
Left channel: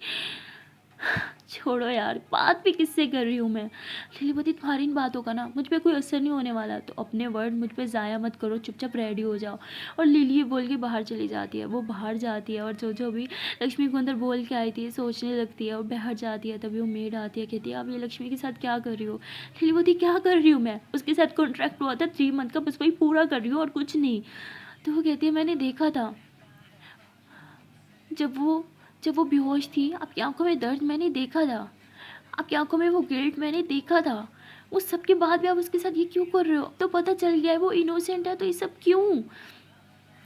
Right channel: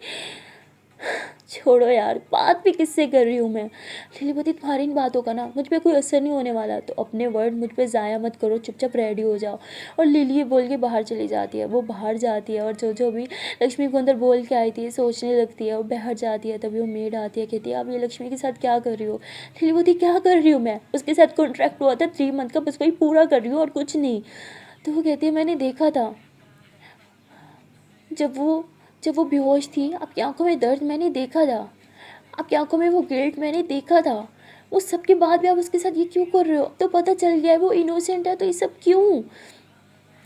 छोड़ो यार, बात भी किससे कर रही हूँ मैं। लिली बोलती तुम्हारी इन बातों का ना मुझ पर कोई असर नहीं होने वाला, तो अपने वर्ड मुझ पर ज़ाया मत करो, चुपचाप रेडी हो जाओ। और लिली ये बोल के बाहर चली जाती है। वो बाहर जाती है और जो भी लक्ष्मी को अंदर बोल के आई थी सोचने लगती है, वो बाहर जाती है। तभी वो मेड आती है, कहती है आप ये लक्ष्मी के साथ क्या कर रही हो? लिली बोलती क्या कर रही हूँ मैं, उसके साथ कॉन्ट्रैक्ट हुआ था 3 मंथ का, बस वही पूरा कर रही हूँ और कुछ नहीं। तो वो कहती है मैंने देखा था जब वो बेहोश थी, आपकी आंखों में दर्द मैंने देखा था, आपकी आंखों में वो गिल्ट मैंने देखा था, वो सब के बाद भी आप उसके साथ ये क्यों कर रहे हो? तो पता चल गया है वो इनोसेंट है, तो ये सब क्यों?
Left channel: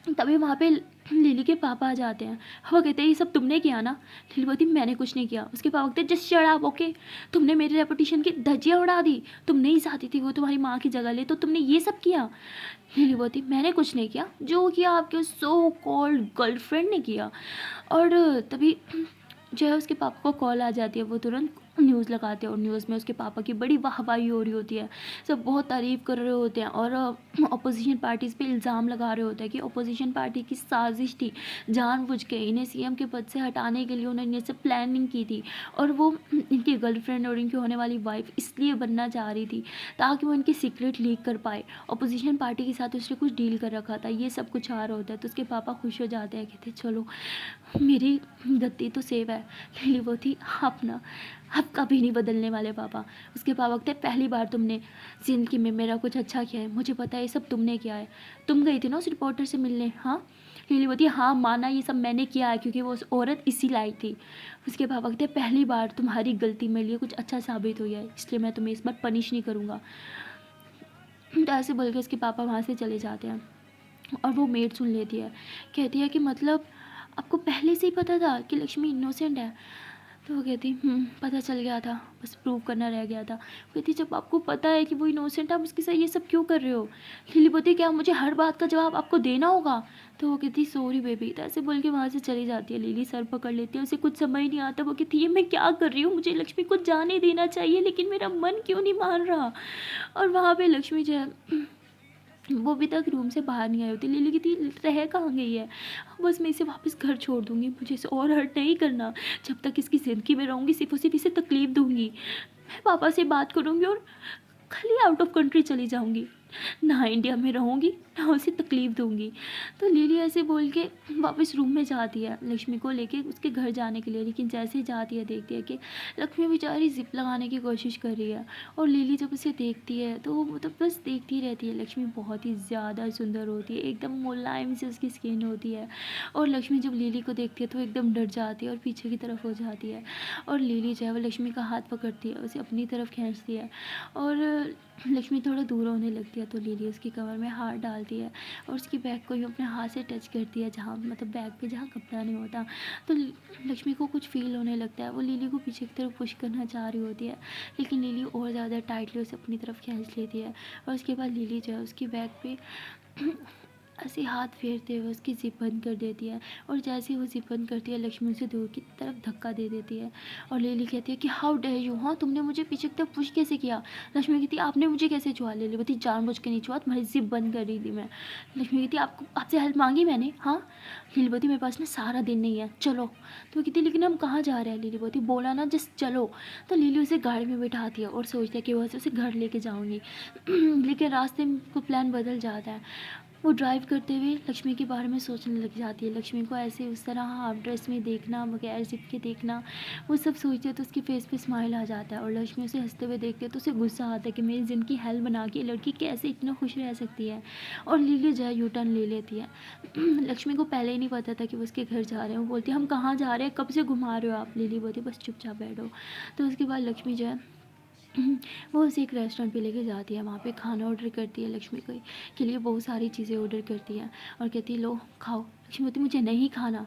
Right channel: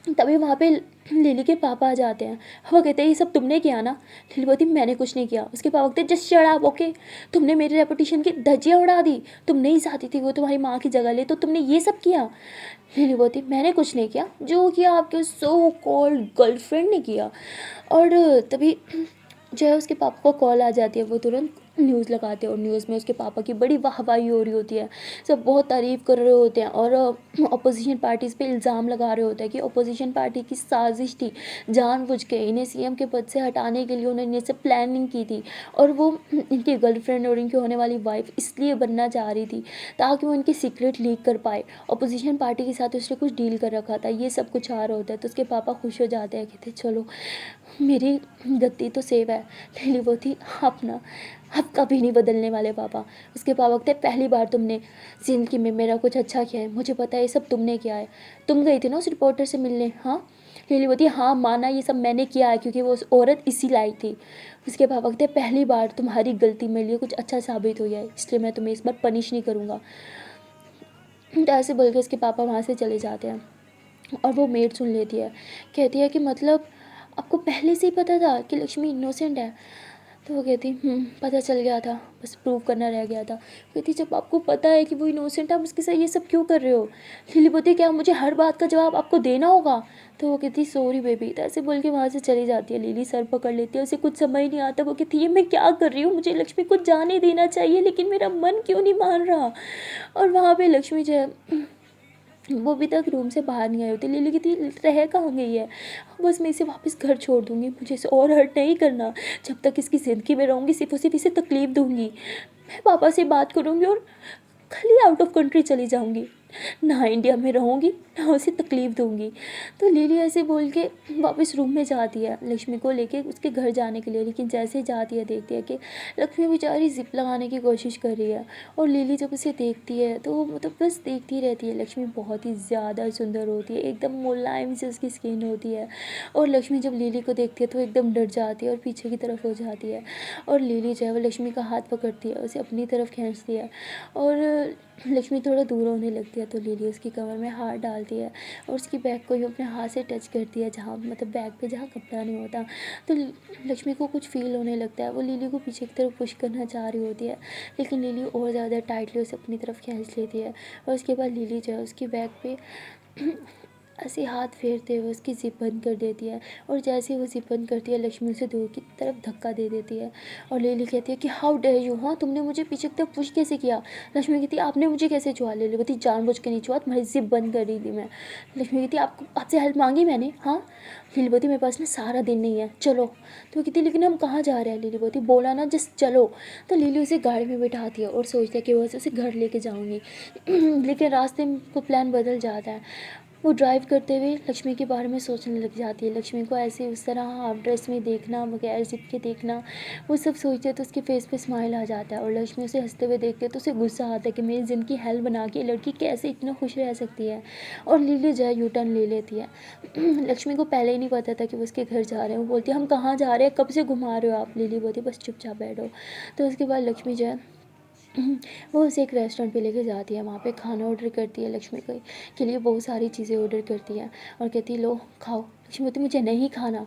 तभी वहाँ पे लिली के पापा आ जाते हैं। वो कहते हैं ये सब तुमने किया ना? लिली बोलती मैंने कुछ नहीं किया। उसके पापा कहते जस्ट शट अप, ओके, तुमने मेरे रेपुटेशन की धज्जियाँ उड़ा दी, तुम नहीं चाहती थी वो तुम्हारी माँ की जगह ले, तो तुमने ये सब किया। लिली बोलती मैंने कुछ नहीं किया, जो किया आपके सो कॉल्ड गर्लफ्रेंड ने किया। और तभी जो है उसके पापा को कॉल आ जाती है, वो तुरंत न्यूज़ लगाते हैं और न्यूज़ में उसके पापा की बड़ी वाहवाही हो रही होती है। सब बहुत तारीफ़ कर रहे होते हैं और अपोजिशन पार्टीज़ पे इल्ज़ाम लगा रहे होते हैं कि अपोजिशन पार्टी की साजिश थी, जानबूझ के इन्हें सीएम के पद से हटाने के लिए उन्होंने ये सब प्लानिंग की थी और वो इनकी गर्लफ्रेंड और इनकी होने वाली वाइफ़ इसलिए बनना चाह रही थी ताकि वो इनकी सीक्रेट लीक कर पाए। अपोजिशन पार्टी के साथ उसने कुछ डील कर रखा था, ये सब कुछ आ रहा होता है। तो उसके पापा खुश हो जाते हैं, कहते चलो मेरी गद्दी तो सेव है। लिली वो थी अपना, अब कभी नहीं बदलने वाले पापा। उसके पापा कहते पहली बार तुमने ज़िंदगी में मेरा कुछ अच्छा किया है, मुझे पता है ये सब तुमने किया है। तुम गई थी ना उस रिपोर्टर से मिलने, हाँ। लिली बोलती हाँ माना ये सब मैंने किया है क्योंकि वो उस औरत इसी लायक थी। उसके पापा कहते पहली बार तुम्हारी गलती मेरे लिए कुछ अच्छा साबित हुई है, इसलिए मैं तुम्हें इस बार पनिश नहीं करूँगा। तो ऐसे बोल के उसके पापा वहाँ से चले जाते हैं और वो मेड सुन लेती है, कहती है कि मतलब आपको पहले से ही पता था कि लक्ष्मी इनोसेंट है? तो वो कहती पता चल गया था, बस प्रूव करना रह गया था। कहती जब आपको पता है कि वो इनोसेंट है, आप उसके साथ ये सब क्यों कर रहे हो? लिली बोलती क्या मुझे हर बात का जवाब आपको देना होगा? तो वो कहती सॉरी बेबी। तो ऐसे बोल के वहाँ से चली जाती है। लिली सर पकड़ लेती है, उसे कुछ समझ नहीं आता। वो कहती है मैं क्या कर रही हूँ, मुझे लक्ष्मी को जाने देना चाहिए लेकिन मेरा मन क्यों नहीं मान रहा। और वहाँ पे लक्ष्मी जो है वो अभी तक रूम से बाहर नहीं आई होती। लिली कहती रह कहाँ गई है? बस मैं इसे वापस घर छोड़ दूँगी, मुझे इसे और हर्ट नहीं करना। जब तक इसकी ज़िंदगी में रहूँगी सिर्फ और सिर्फ इसे तकलीफ़ दूँगी। मैं पापा से बात करूँगी और खाली आउट ऑफ कंट्री चली जाऊँगी, ना इंडिया में रहूँगी ना उसे तकलीफ़ दूँगी। तो लिली ऐसे बोल के वापस रूम में जाती है लक्ष्मी को लेके उसके घर जाने के लिए। लेकिन जैसे ही जाती है देखती है कि लक्ष्मी बेचारी ज़िप लगाने की कोशिश कर रही है और लिली जब उसे देखती है तो वो मतलब बस देखती रहती है। लक्ष्मी बहुत ही ज़्यादा सुंदर होती है, एकदम मुलायम से उसकी स्किन होती है और लक्ष्मी जब लिली को देखती है तो एकदम डर जाती है और पीछे की तरफ हो जाती है। और लिली जो है वो लक्ष्मी का हाथ पकड़ती है, उसे अपनी तरफ खींचती है और लक्ष्मी थोड़ा दूर होने लगती है तो लिली उसकी कमर में हाथ डालती है और उसकी बैग को ही अपने हाथ से टच करती है, जहाँ मतलब बैग पे जहाँ कपड़ा नहीं होता। तो लक्ष्मी को कुछ फील होने लगता है, वो लिली को पीछे की तरफ पुश करना चाह रही होती है लेकिन लिली और ज़्यादा टाइटली उसे अपनी तरफ खींच लेती है। और उसके बाद लिली जो है उसकी बैग पे ऐसे हाथ फेरते हुए उसकी ज़िप बंद कर देती है और जैसे ही वो ज़िप बंद करती है लक्ष्मी उसे दूर की तरफ धक्का दे देती है। और लिली कहती है कि हाउ डेयर यू, हाँ तुमने मुझे पीछे की तरफ पुश कैसे किया? लक्ष्मी कहती है आपने मुझे कैसे छुआ? लिली कहती जानबूझ के नहीं छुआ, तुम्हारी ज़िप बंद कर रही थी मैं। लक्ष्मी कहती आपको आपसे हेल्प मांगी मैंने, हाँ। लिली बोती मेरे पास ना सारा दिन नहीं है, चलो। तो वो कहती लेकिन हम कहाँ जा रहे हैं? लिली बोती बोला ना जस्ट चलो। तो लिली उसे गाड़ी में बैठाती है और सोचती है कि वो उसे घर लेके जाऊँगी लेकिन रास्ते में को प्लान बदल जाता है। वो ड्राइव करते हुए लक्ष्मी के बारे में सोचने लग जाती है। लक्ष्मी को ऐसे उस तरह हाफ ड्रेस में देखना, बगैर ज़िप के देखना, वो सब सोचते हैं तो उसके फेस पे स्माइल आ जाता है। और लक्ष्मी उसे हंसते हुए देखते तो उसे गुस्सा आता है कि मेरी ज़िंदगी हेल बना के लड़की कैसे इतना खुश रह सकती है। और लिली जो है यू टर्न ले लेती है लक्ष्मी को पहले ही नहीं पता था कि वो उसके घर जा रहे हैं। वो बोलती है हम कहाँ जा रहे हैं, कब से घुमा रहे हो आप? लिली बोलती बस चुपचाप बैठो। तो उसके बाद लक्ष्मी जो है वो उसे एक रेस्टोरेंट पे लेके जाती है, वहाँ पे खाना ऑर्डर करती है। लक्ष्मी के लिए बहुत सारी चीज़ें ऑर्डर करती है और कहती है लो खाओ। लक्ष्मी बोलती मुझे नहीं खाना।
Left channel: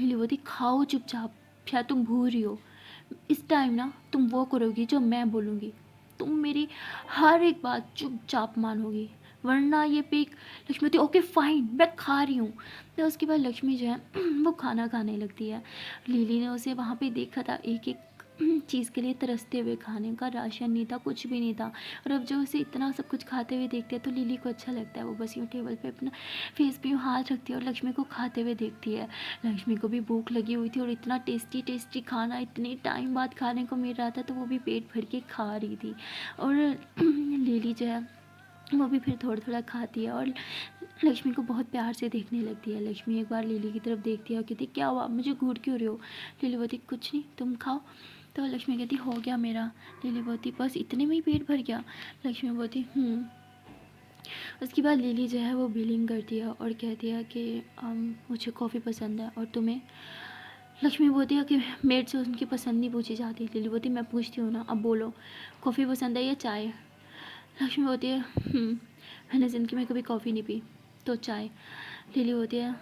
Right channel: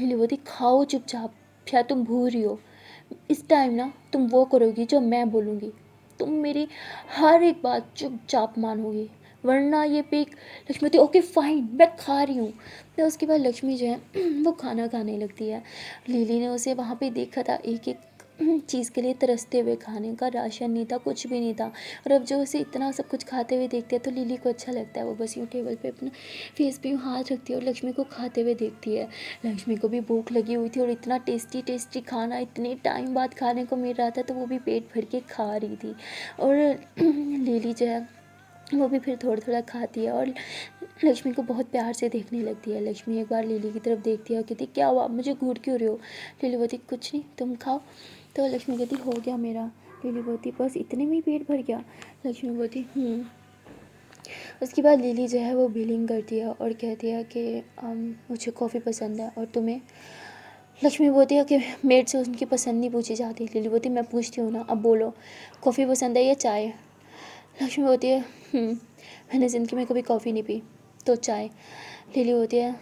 लिली बोलती खाओ चुपचाप, शायद तुम भूल रही हो। इस टाइम ना तुम वो करोगी जो मैं बोलूँगी, तुम मेरी हर एक बात चुपचाप मानोगी वरना ये पेक। लक्ष्मी बोलती ओके फाइन मैं खा रही हूँ। तो उसके बाद लक्ष्मी जो है वो खाना खाने लगती है। लिली ने उसे वहाँ पे देखा था एक एक चीज़ के लिए तरसते हुए, खाने का राशन नहीं था, कुछ भी नहीं था। और अब जो उसे इतना सब कुछ खाते हुए देखती है तो लिली को अच्छा लगता है। वो बस यूँ टेबल पे अपना फेस पे यूँ हाथ रखती है और लक्ष्मी को खाते हुए देखती है। लक्ष्मी को भी भूख लगी हुई थी और इतना टेस्टी टेस्टी खाना इतने टाइम बाद खाने को मिल रहा था तो वो भी पेट भर के खा रही थी। और लिली जो है वो भी फिर थोड़ा थोड़ा खाती है और लक्ष्मी को बहुत प्यार से देखने लगती है। लक्ष्मी एक बार लिली की तरफ देखती है और कहती क्या हुआ, मुझे घूर क्यों रहे हो? लिली बोलती कुछ नहीं तुम खाओ। तो लक्ष्मी कहती हो गया मेरा। लिली बोलती बस इतने में ही पेट भर गया? लक्ष्मी बोलती उसके बाद लिली जो है वो बिलिंग करती है और कहती है कि मुझे कॉफ़ी पसंद है और तुम्हें? लक्ष्मी बोलती है कि मेड से उनकी पसंद नहीं पूछी जाती। लिली बोलती मैं पूछती हूँ ना, अब बोलो कॉफ़ी पसंद है या चाय? लक्ष्मी बोलती है मैंने ज़िंदगी में कभी कॉफ़ी नहीं पी तो चाय। लिली होती है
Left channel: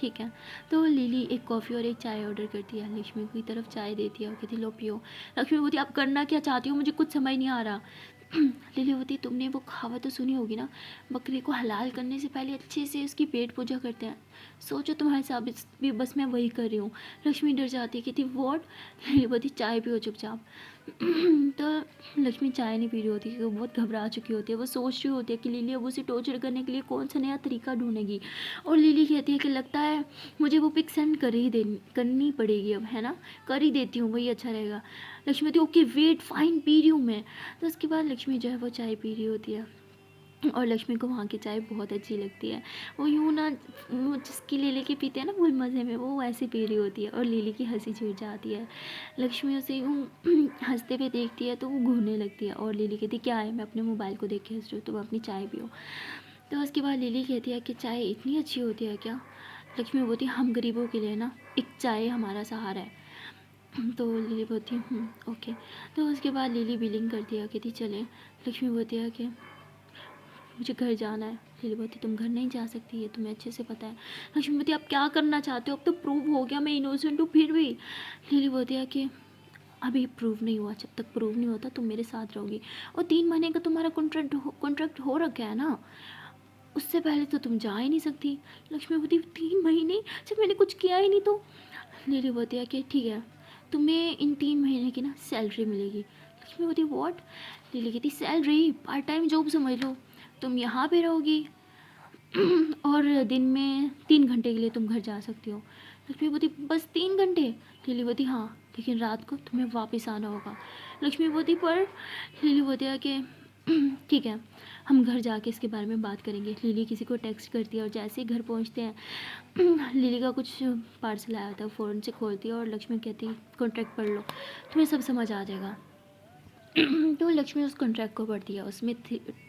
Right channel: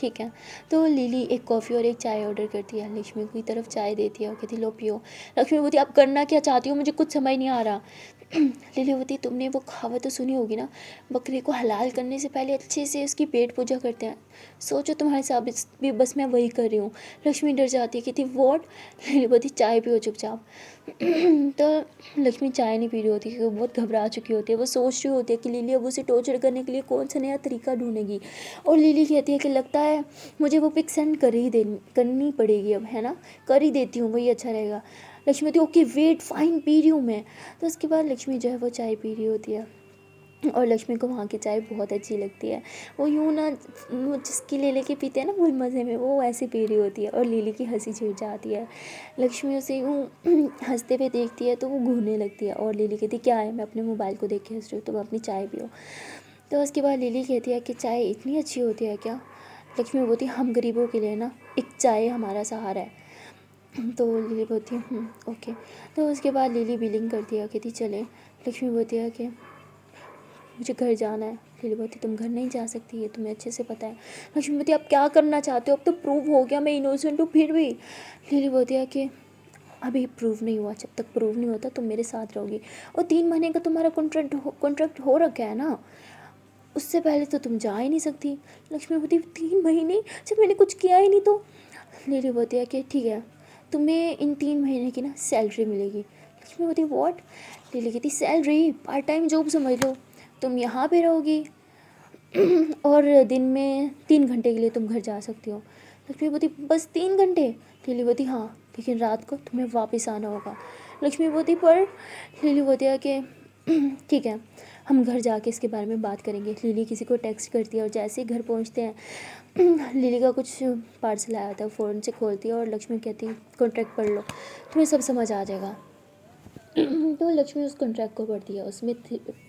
ठीक है। तो लिली एक कॉफ़ी और एक चाय ऑर्डर करती है, लक्ष्मी की तरफ चाय देती है और कहती लो पियो। लक्ष्मी बोलती आप करना क्या चाहती हो, मुझे कुछ समझ नहीं आ रहा। लिली होती तुमने वो कहावत तो सुनी होगी ना, बकरे को हलाल करने से पहले अच्छे से उसकी पेट पूजा करते हैं, सोचो तुम्हारे साथ भी बस मैं वही कर रही हूँ। लक्ष्मी डर जाती है, कहती व्हाट। लिली बोलती चाय पियो चुपचाप। तो लक्ष्मी चाय नहीं पी रही होती क्योंकि वो बहुत घबरा चुकी होती है। वो सोच रही होती है कि लिली अब उसे टॉर्चर करने के लिए कौन सा नया तरीका ढूंढेगी। और लिली कहती है कि लगता है मुझे वो पिक सेंड करनी पड़ेगी अब, है ना, कर ही देती हूँ, वही अच्छा रहेगा। लक्ष्मी कहती है ओके वेट फाइन, पी रही हूँ मैं। तो उसके बाद लक्ष्मी जो है वो चाय पी रही होती है और लक्ष्मी को वहाँ की चाय बहुत अच्छी लगती है। वो यूँ ना वो जिसकी ले लेके पीते हैं ना फुल मज़े में, वो ऐसे पी रही होती है और लिली की हंसी छूट जाती है। लक्ष्मी उसे यूँ हंसते हुए देखती है तो वो घूरने लगती है और लिली कहती है क्या है, मैं अपने मोबाइल को देख के हंस रही हूँ, तुम अपनी चाय पियो। तो उसके बाद लिली कहती है कि चाय इतनी अच्छी होती है क्या। लक्ष्मी बोलती है हम गरीबों के लिए ना एक चाय हमारा सहारा है। तो लिली बोलती है ओके। तो उसके बाद लिली बिलिंग करती है, कहती चले। लक्ष्मी बोलती है कि मुझे घर जाना है। लिली बोलती तुम घर नहीं जा सकती, ये तुम्हें अच्छे से पता है। लक्ष्मी बोलती आप क्या करना चाहते हो, अब तो प्रूव हो गया मैं इनोसेंट हूँ फिर भी। लिली बोलती है कि अभी प्रूव नहीं हुआ, जब तक प्रूव नहीं होता तुम मेरे साथ रहोगी। और 3 महीने का तुम्हारा कॉन्ट्रैक्ट हो रखा है ना, उससे पहले तो तुम जा ही नहीं सकती। लक्ष्मी बोलती 3 महीने जब मैंने कुछ किया ही नहीं तो। लिली बोलती है कि ठीक है तुम्हें इन 3 महीने की ना सैलरी मिलेगी। लक्ष्मी बोलती व्हाट। लिली कहती सैलरी, पार्ट टाइम जॉब समझ लो, तुम यहाँ पे रहोगी और दिन में 3 घंटे के लिए तुम घर जा सकती हो। लक्ष्मी बोलती बस 3 घंटे। लिली बोलती हाँ, लेकिन रात को तुम्हें वापस आना होगा। लक्ष्मी बोलती पर। लिली बोलती है कि ठीक है हम घर जाके इसके बारे में बात करेंगे। लिली किसी को टेक्स्ट करती है और जैसे ही घर पहुंचते हैं लिली का कुछ पार्सल आया था, फ़ोन से खोलती है और लक्ष्मी कहती कॉन्ट्रैक्ट पढ़ लो, तुम्हें सब समझ आ जाएगा। तो लक्ष्मी उस कॉन्ट्रैक्ट को पढ़ती है, उसमें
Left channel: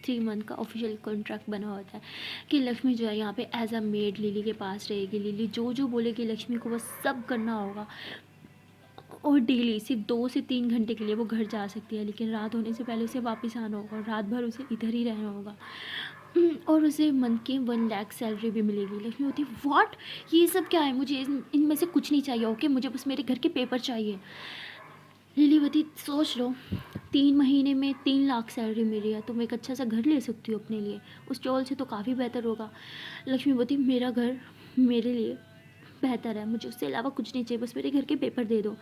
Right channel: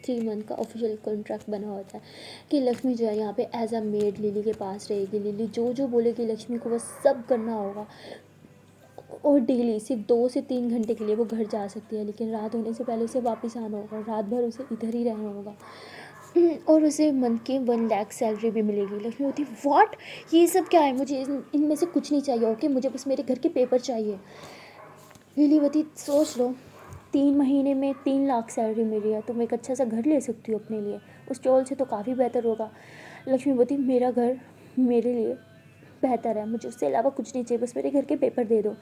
3 मंथ का ऑफिशियल कॉन्ट्रैक्ट बना होता है कि लक्ष्मी जो है यहाँ पे एज अ मेड लिली के पास रहेगी। लिली जो जो बोलेगी लक्ष्मी को बस सब करना होगा। और डेली सिर्फ 2 से 3 घंटे के लिए वो घर जा सकती है, लेकिन रात होने से पहले उसे वापस आना होगा और रात भर उसे इधर ही रहना होगा। और उसे मंथ की 1 लाख सैलरी भी मिलेगी। लक्ष्मी होती व्हाट, ये सब क्या है, मुझे इनमें से कुछ नहीं चाहिए, ओके मुझे बस मेरे घर के पेपर चाहिए। लीलीवती सोच लो 3 महीने में 3 लाख सैलरी मिल रही है, तुम एक अच्छा सा घर ले सकती हो अपने लिए, उस चोल से तो काफ़ी बेहतर होगा। लक्ष्मीवती मेरा घर मेरे लिए बेहतर है, मुझे उससे अलावा कुछ नहीं चाहिए, बस मेरे घर के पेपर दे दो।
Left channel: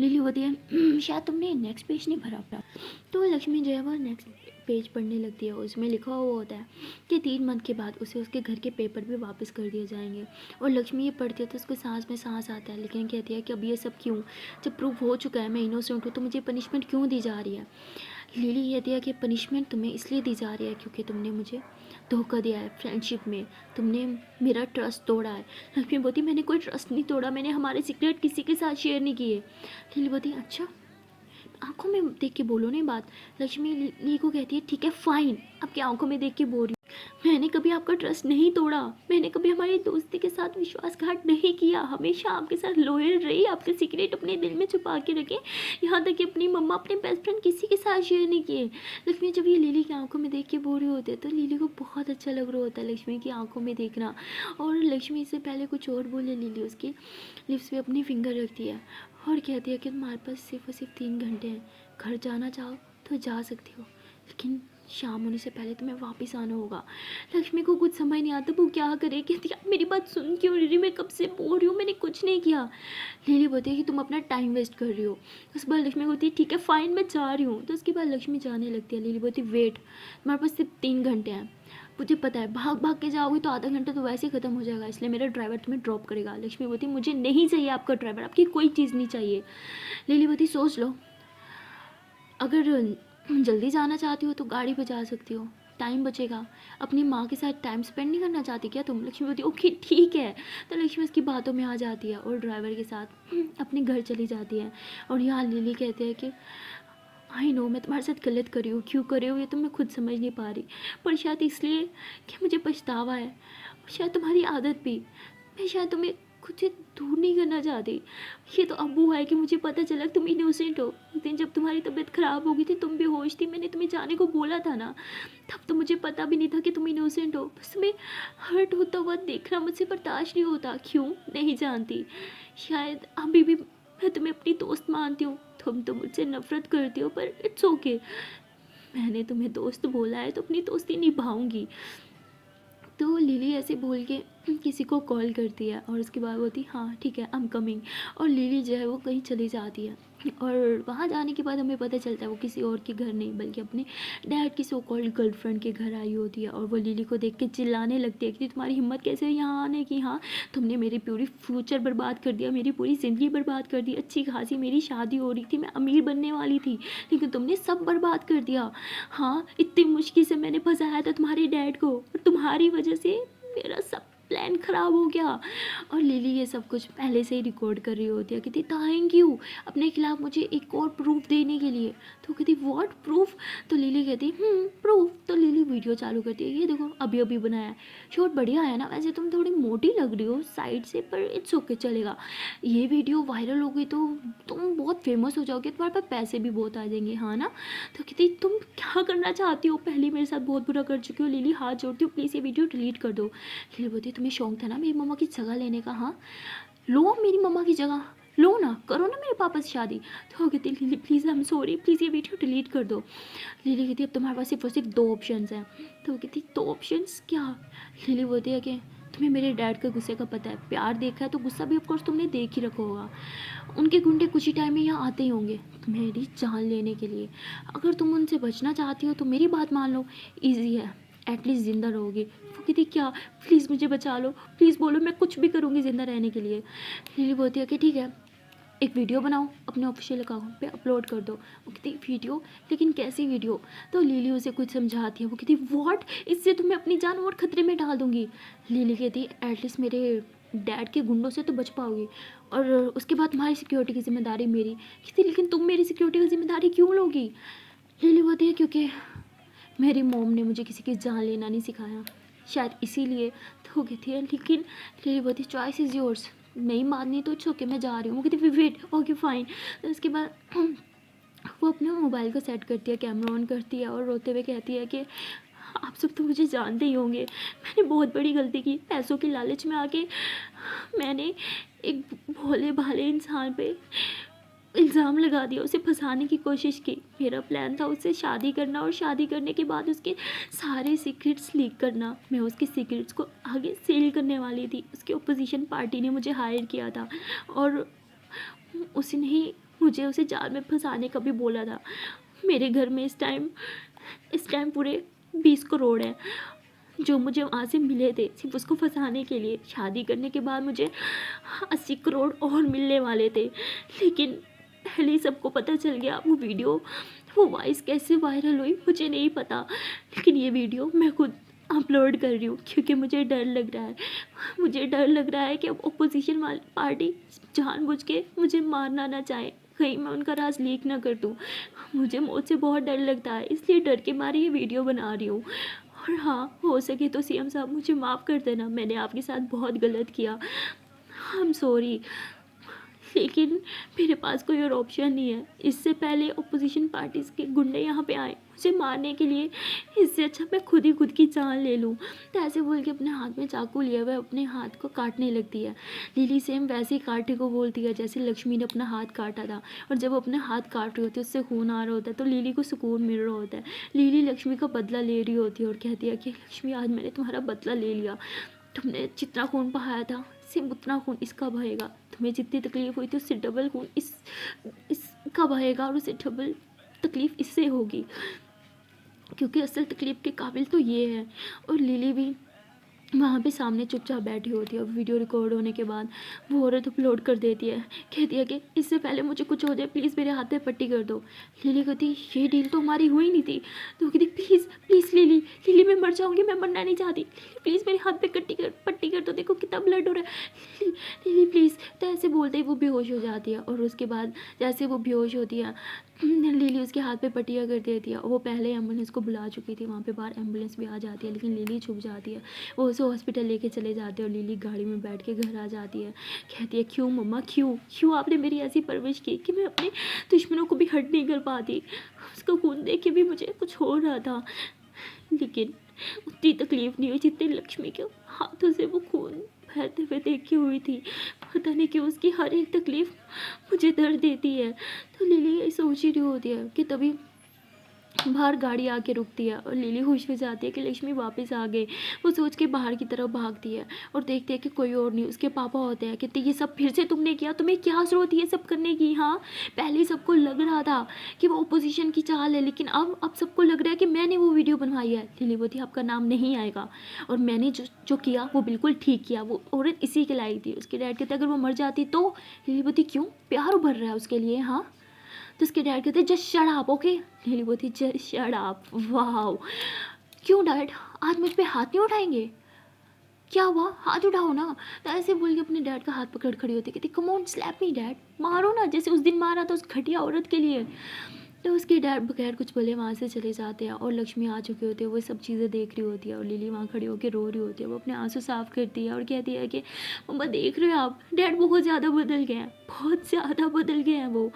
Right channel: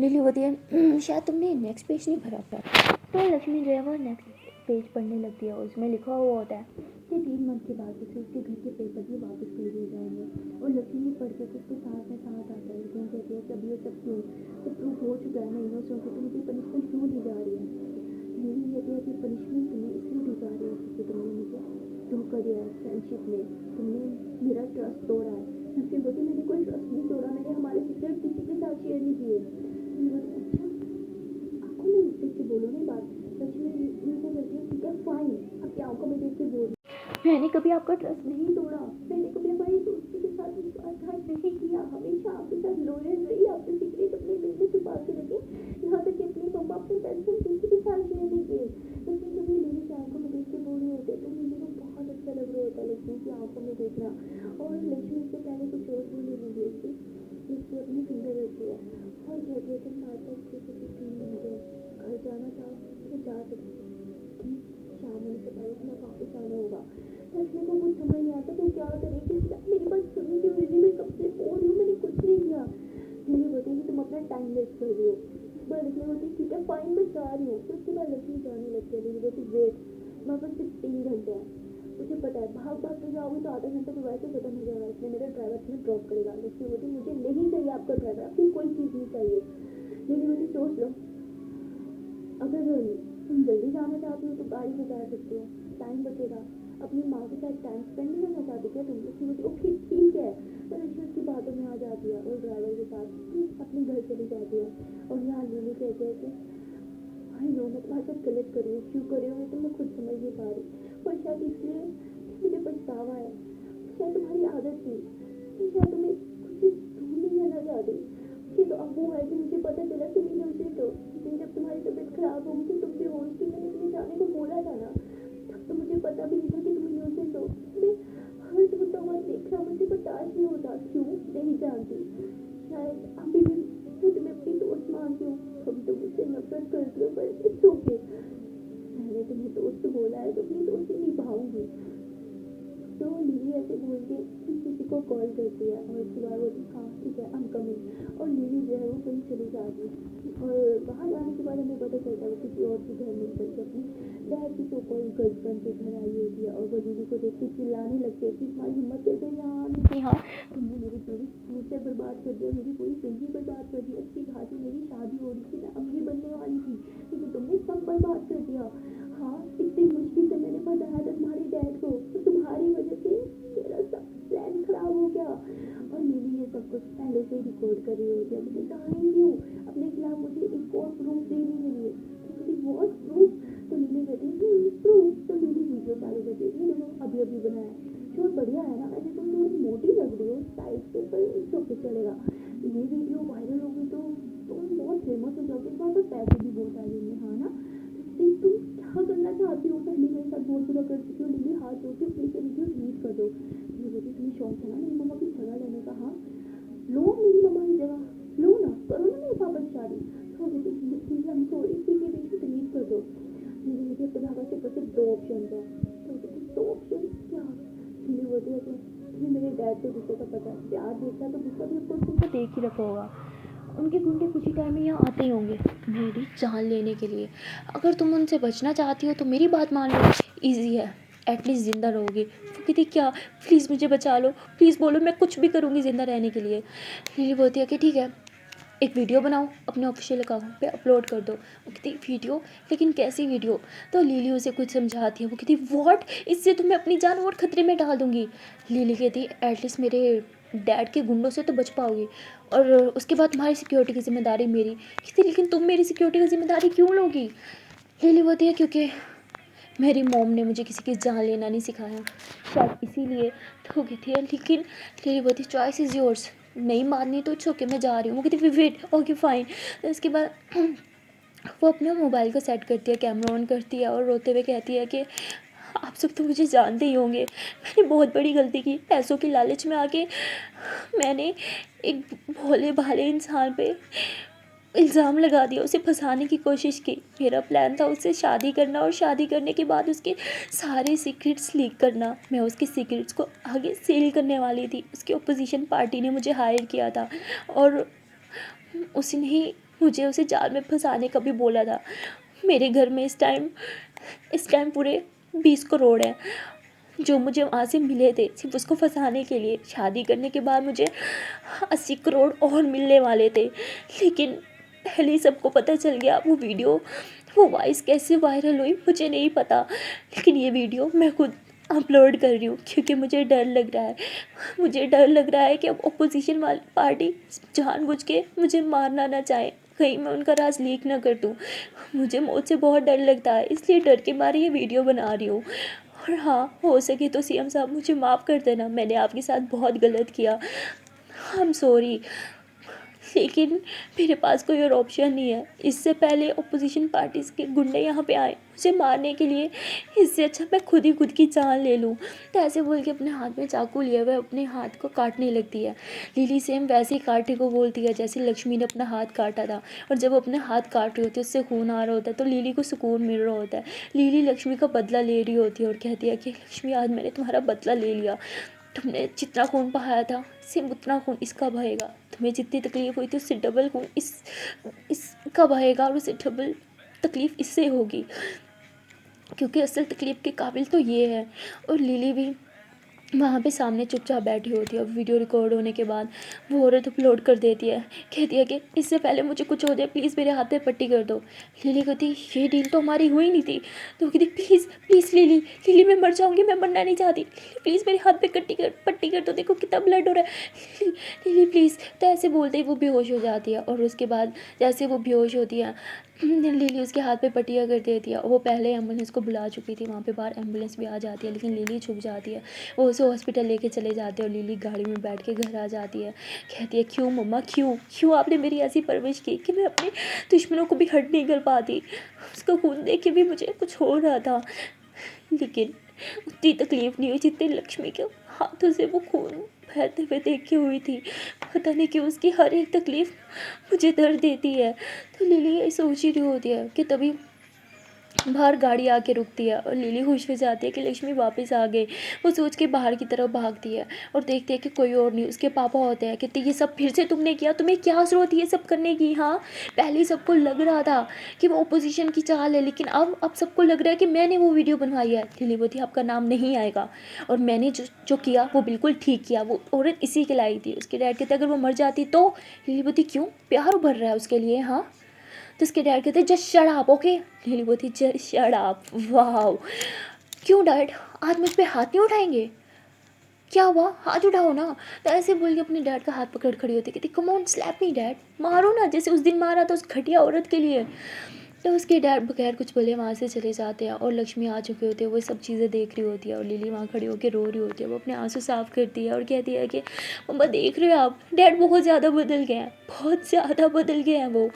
लिली होती है शायद तुमने नेक्स्ट पेज नहीं भरा अपना। तो लक्ष्मी जो है वो नेक्स्ट पेज पढ़ने लगती है, उसमें लिखा हुआ होता है कि 3 मंथ के बाद उसे उसके घर के पेपर भी वापस कर दिए जाएंगे। और लक्ष्मी ये पढ़ती है तो उसको सांस में सांस आता है, लेकिन कहती है कि अब ये सब क्यों, जब प्रूफ हो चुका है मैं इनोसेंट हूँ तो मुझे पनिशमेंट क्यों दी जा रही है। लिली कहती है कि पनिशमेंट तुम्हें इसलिए दी जा रही है क्योंकि तुमने मुझे धोखा दिया है फ्रेंडशिप में, तुमने मेरा ट्रस्ट तोड़ा है। लक्ष्मी बोलती मैंने कोई ट्रस्ट नहीं तोड़ा, मैंने हमारे सीक्रेट किसी के साथ शेयर नहीं किए। लिली बोलती अच्छा, आंखों में देख के बोलो नहीं बात। लक्ष्मी ली को कहती है ठीक है फाइन, अब क्या आंखों में देख के बोल रही हूँ, मैंने कभी आपका ट्रस्ट नहीं तोड़ा, मैंने कभी हमारी दोस्ती के साथ विश्वासघात नहीं किया, हमेशा आपके साथ लॉयल रही, आपके सीक्रेट अपने दिल में छुपा के रखे, यहाँ तक कि अपनी मम्मा अपने बेस्ट फ्रेंड किसी के साथ शेयर नहीं किए। लक्ष्मी जब ये लिली की आंखों में देख के बोल रहे होते हैं तो लिली को बहुत अच्छा लग रहा होता है लक्ष्मी की आंखों में देखना। और लक्ष्मी से पहले कुछ और बोले लिली उसकी लिप्स पे अपनी फिंगर रखती है और कहती है कि तुम्हारे पास सिर्फ और सिर्फ 3 घंटे हैं, घर जाना चाहो तो जा सकती हो, लेकिन शाम होने से पहले तुम्हें वापस आना होगा। लक्ष्मी को कुछ समझ नहीं आता वो क्या करे, कहती है मेरी बात सुन क्यों रही, मैं कब से बोल रही हूँ मैंने कुछ नहीं किया। लिली बोलती है कि तुम अपना टाइम वेस्ट कर रही हो। उसके बाद लक्ष्मी बोलती है ठीक है फाइन मैं जा रही हूँ। तो उसके बाद लक्ष्मी जाने लगती है। लिली बोलती वेट, तुम्हारे पास सिर्फ 3 घंटे हैं, मुझे पता है भाग भाग के जाओगी तो आधा घंटा तो वैसे ही ख़त्म हो जाएगा, इसलिए मेरा ड्राइवर तुम्हें ड्रॉप करेगा। लक्ष्मी बोलती मुझे नहीं चाहिए आपका ड्राइवर, आपकी कोई चीज़ नहीं चाहिए। लिली बोलती सोच लो, अगर जल्दी जाना चाहती हो तो गाड़ी बजा सकती हो, टाइम बचेगा। अपनी माँ के साथ टाइम स्पेंड नहीं करना चाहती क्या तुम। लक्ष्मी बोलती ओके ठीक है। तो लक्ष्मी उसकी बातों में आ जाती है और ड्राइवर के साथ अपने घर चली जाती है। और यहाँ लिली कहते हैं कि आई नो मैं तुम्हारे साथ गलत कर रही हूँ, क्यों कर रही हूँ ये तो मैं खुद समझ नहीं पा रही, पर शायद इसलिए कि मुझे पछतावा है, शायद तुम्हारी आदत भी, मैं शायद तुम्हें खुद से दूर नहीं करना चाहती। ये तो अब वो है कि मुझे पता चला तुम इनोसेंट हो, उस दिन जब तुम्हारी तबीयत ख़राब हो गई थी तुम बेहोश थी, मैंने तुम्हें जाने को बोला था ना, तब तो मुझे पता भी नहीं था कि तुम इनोसेंट हो, बस तुम्हें हर्ट होता हुआ देखना मुझसे बर्दाश्त नहीं होता, क्यों नहीं जानती। शायद अभी भी मैं तुम्हें अपनी दोस्त मानती हूँ, तुम तो मुझसे नफरत करती हो, पर इट्स ओके, मैंने तुम्हें दोस्त बोला है तो अपनी दोस्ती निभाऊंगी। तो लिली ऐसे बोल के किसी को कॉल करती है और उसके बाद बोलती हाँ ठीक है, आई एम कमिंग। और लिली जो है वो कहीं चली जाती है और वहाँ जाने के बाद हमें पता चलता है वो किसी और के घर नहीं बल्कि अपने डैड की सो कॉल्ड गर्लफ्रेंड के घर आई होती है। और वो लिली को देख के चिल्लाने लगती है कि तुम्हारी हिम्मत कैसे है यहाँ आने की, हाँ तुमने मेरी पूरी फ्यूचर बर्बाद कर दिया, मेरी पूरी ज़िंदगी बर्बाद कर दी, अच्छी खासी मेरी शादी हो रही थी, मैं अमीर बनने वाली थी, लेकिन तुमने सब बर्बाद कर दिया। हाँ इतनी मुश्किल से मैंने फंसाया था तुम्हारे डैड को, तुम्हारी वजह से मेरा सब प्लान ख़राब हो गया। और लिली ये सब कुछ पहले से ही रिकॉर्ड कर रही होती है, कहती थैंक यू अपने खिलाफ मुझे एक और प्रूफ देने के लिए। तो कहती व्हाट प्रूफ? तो लिली कहती प्रूफ। तो लिली वीडियो चालू करती है, ये देखो अभी अभी बनाया है, शूट बढ़िया है ना, वैसे तुम थोड़ी मोटी लग रही हो साइड से पर इट्स ओके चलेगा, ये वीडियो वायरल हो गई तो तुम बहुत फेमस हो जाओगे, तुम्हारे पास पैसे भी बहुत आ जाएंगे, हाँ ना। तो कहती तुम क्या करना चाहती हो, पहले मेरे साथ बहुत बुरा कर चुकी हो। लिली हाथ जोड़ती हो, प्लीज़ ये वीडियो डिलीट कर दो। लिली बोलती तुम्हें शौक था ना मेरी मम्मा की जगह लेने का, हाँ लो मेरी मम्मा की जगह, लो ना, करो ना मेरे पापा से शादी। तो वो कहती lily please I am sorry, please ये वीडियो डिलीट कर दो। लिली कहती अब तुम्हारे पास सिर्फ और सिर्फ 2 ऑप्शंस हैं। तो वो कहती 2 ऑप्शंस क्या? लिली बोलती है कि तुम्हें मेरे डैड के गुस्से का पता है, प्यार देखा है तो गुस्सा भी ऑफकोर्स तुमने देख ही रखा होगा, उनके गुंडे कुछ ही टाइम में यहाँ आते ही होंगे मेरी जान लेने के लिए। अगर तुम उनसे बचना चाहती हो तो मेरी बात मान लो, ईजी है, एटलीस्ट ज़िंदा रहोगी। वो कहती क्या, प्लीज़ मुझे बचा लो, प्लीज़ बोलो, मैं कुछ भी करूँगी ज़िंदा रहने के लिए। लिली बोलती है कि ठीक है एक वीडियो बनाओ, अपने ऑफिशियल अकाउंट पे अपलोड कर दो। वो कहती वीडियो, लेकिन कैसी वीडियो? तो लिली उसे कुछ समझाती है, वो कहती व्हाट, इससे तो मैं अपनी जान और खतरे में डाल दूँगी। लिली कहती एटलीस्ट मेरे डैड के गुंडों से तो बच पाओगी और उसके बाद तुम्हारी सिक्योरिटी की जिम्मेदारी मेरी। कहती लेकिन तुम मेरी सिक्योरिटी की जिम्मेदारी क्यों लोगी? लिली बोलती है क्योंकि मेरी मॉम ने मुझे किसी की जान लेना नहीं सिखाया, शायद इसीलिए। तो वो कहती है लेकिन लिली बोलती चॉइस इज़ योर्स, नहीं माननी तो छोके मैं जा रही हूँ। वो कहती वेट ओके फाइन। तो उसके बाद वो अपने मोबाइल को सेट करती है, कैमरा ऑन करती है और रोते हुए कहती है कि आप सब तो मुझे जानते ही होंगे, मैंने बहुत बड़ी गलती की, पैसों की लालच में आके मैंने एक भोले भाले इंसान पे इल्ज़ाम लगा दिया, उसे फंसाने की कोशिश की। मेरा प्लान था उससे शादी करना और शादी करने के बाद उसके सारे सीक्रेट्स लीक करना। मैं उसके सीक्रेट्स को आगे सेल करने वाली थी। उसकी अपोजिशन पार्टी ने मुझे हायर किया था और उसने ही मुझे उसे जाल में फंसाने का भी बोला था। मेरे घर में इस टाइम पूरे 20 करोड़ हैं जो मुझे वहाँ से मिले थे सिर्फ उसको फंसाने के लिए। शादी करने के बाद मुझे 80 करोड़ और मिलने वाले थे, लेकिन पहले ही सबको पता चल गया। वो वॉइस कैसे वायरल हुई मुझे नहीं पता, लेकिन ये वीडियो मैं खुद अपलोड कर रही हूँ क्योंकि मुझे डर लग रहा है कि अब अपोजिशन वाली पार्टी जानबूझ के मुझे मारना ना चाहे, कहीं मैं उनका राज लीक ना कर दूँ। मुझे मौत से बहुत डर लगता है, इसलिए डर के मारे ये वीडियो बना रही हूँ। और हाँ, हो सके तो सीएम साहब मुझे माफ़ कर देना, मैंने आपके साथ बहुत गलत किया, आई एम सॉरी, लेकिन मेरे पास कोई और ऑप्शन नहीं है। इससे पहले अपोजिशन पार्टीज़ के गुंडे यहाँ पे आए मुझे मारने के लिए, इससे अच्छा मैं खुद ही खुद की जान ले लूँ। तो ऐसे बोल के अपने हाथ में चाकू लिए हुए अपने हाथ को काटने लगती है। लिली सेम वैसे ही काटे को बोलती है जैसे लक्ष्मी ने अपना हाथ काटा था। और जब वो अपने हाथ काट रही होती है उससे खून आ रहा होता है तो लिली को सुकून मिल रहा होता है। लिली लक्ष्मी का बदला ले रही होती है और कहती है कि लक्ष्मी आज मैंने तुम्हारा बदला ले लिया, तुमने जितना खून बहाया था सेम उतना खून इसका बहेगा, तुम्हें जितनी तकलीफ़ हुई थी उससे डबल खून इसका बहेगा और उससे डबल तकलीफ़ इससे होगी, क्योंकि असल तकलीफ़ के काबिल तो ये है। और लिली भी वहाँ पे सामने चुपचाप बैठी होती है। वीडियो रिकॉर्ड होने के बाद वो औरत अपलोड कर देती है, कहती है कि इससे पहले मुझे कुछ हो जाए प्लीज़ मेरे हाथ पे पट्टी कर दो। लिली कहती ये डील तो हमारी हुई नहीं थी। तो वो कहती प्लीज़ प्लीज़ लिली मैं मर जाऊँगी, मैं मरना नहीं चाहती, लिली प्लीज़ मेरे हाथ पे पट्टी कर दो, देखो कितना ब्लड हो रहा है, लिली प्लीज़। तो ऐसे बोलते ही वो बेहोश हो जाती है और उसके बाद जैसे वो बेहोश होती है लिली उसके हाथ पे पट्टियाँ कर देती है। वो पहले एम्बुलेंस को बुला चुकी थी, वहाँ पे बाहर एम्बुलेंस भी आ जाती है, लेकिन लिली छुप जाती है। वो उसे हॉस्पिटल लेके चले जाते हैं और लिली गाड़ी में बैठ के घर आ जाती है। कहती है क्यों मम्मा, क्यों आपने मेरी ऐसी परवरिश की कि मैं अपने दुश्मनों को भी हर्ट नहीं कर पाती। उसका खून देख के भी मुझे कुछ हो रहा था, लेकिन उतनी तकलीफ़ नहीं हुई जितनी लक्ष्मी के हाथों से वो खून बहते हुए देखी हुई थी। पता नहीं क्यों उसकी हर एक तकलीफ़ मुझे दर्द देती है। तो लिली ये सोच ही रही होती है कि तभी बाहर गाड़ी आके रुकती है और लिली खुश हो जाती है कि लक्ष्मी वापस आ गई। वो सोच के बाहर की तरफ भागती है और देखती है कि कोई और नहीं, उसके पापा होते हैं। कहते ये सब फिर से तुमने किया, तुम्हें क्या ज़रूरत है ये सब करने की? हाँ, पहले ही सबको लग रहा था कि वो ओपोजिशन की चाल है, लेकिन अब सबको लग रहा है कि मैंने वो वीडियो बनवाई है। लिली बोलती आपका नाम नहीं आएगा, और मैंने जो जो किया वो बिल्कुल ठीक किया। वो औरत इसी के लाई थी। उसके डैड कहते अगर वो मर जाती तो? लिली बोलती क्यों, प्यार उभर रहा है उसके लिए। हाँ, तो उसके डैड कहते just shut up, okay. Lily बोलती जस्ट शट अप। वाह, क्यों डैड, आज मुझ पे हाथ नहीं उठाएंगे? क्या हुआ, हाथ उठाओ ना। तो ऐसे बोल के अपने डैड का हाथ पकड़ खड़ी होती, कहती come on slap me dad, मारो ना जैसे उस दिन मारा था उस घटिया औरत के लिए। तो उसके डैड बगैर कुछ बोले वहाँ से चले जाते हैं और लक्ष्मी आ चुकी होती है। वो सब चीज़ें देख रही होती है और लिली वहाँ खड़ी होकर रो रही होती है। वो अपने आंसू साफ करती है और कहती है कि मम्मा देख रहे हो आप, डैड बहुत ज़्यादा बदल गए हैं, बहुत ज़्यादा बदल गए हैं वो।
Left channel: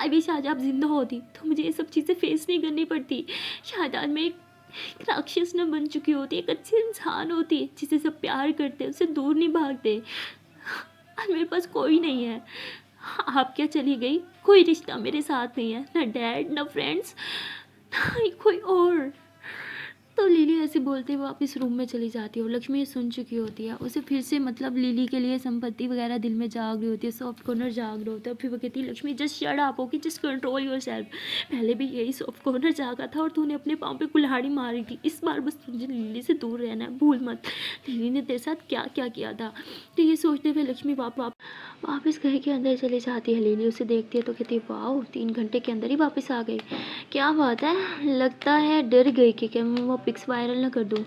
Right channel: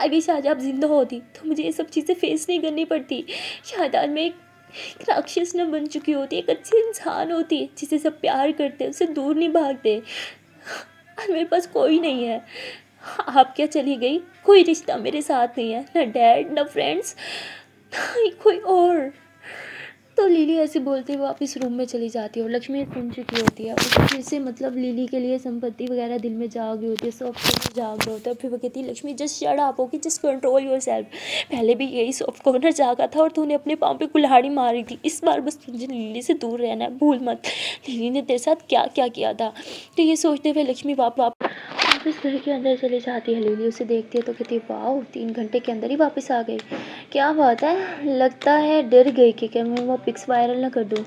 आई विश आज आप जिंदा होती तो मुझे ये सब चीज़ें फेस नहीं करनी पड़ती। शायद आज मैं एक राक्षस न बन चुकी होती, एक अच्छी इंसान होती जिसे सब प्यार करते, उससे दूर नहीं भागते। और मेरे पास कोई नहीं है। आप क्या चली गई, कोई रिश्ता मेरे साथ नहीं है, ना डैड ना फ्रेंड्स, कोई और। तो लिली ऐसे बोलते हुए वापस रूम में चली जाती है और लक्ष्मी सुन चुकी होती है। उसे फिर से मतलब लिली के लिए संपत्ति वगैरह दिल में जाग रही होती है, सॉफ्ट कॉर्नर जाग रहा होता है। फिर वो कहती है Lakshmi just shut up, okay, just control your self. पहले भी यही सॉफ्ट कॉर्नर जागा था और तूने अपने पाँव पे कुल्हाड़ी मारी थी। इस बार बस तुझे लिली से दूर रहना है, भूल मत लिली ने तेरे साथ क्या क्या किया था। तो ये सोचते हुए लक्ष्मी वापस घर के अंदर चली जाती है। लिली उसे देखती है तो कहती है वाह, 3 घंटे के अंदर ही वापस आ गई, क्या बात है। लगता है डर गई कि क्या मैं वो पिक्स वायरल ना कर दूँ।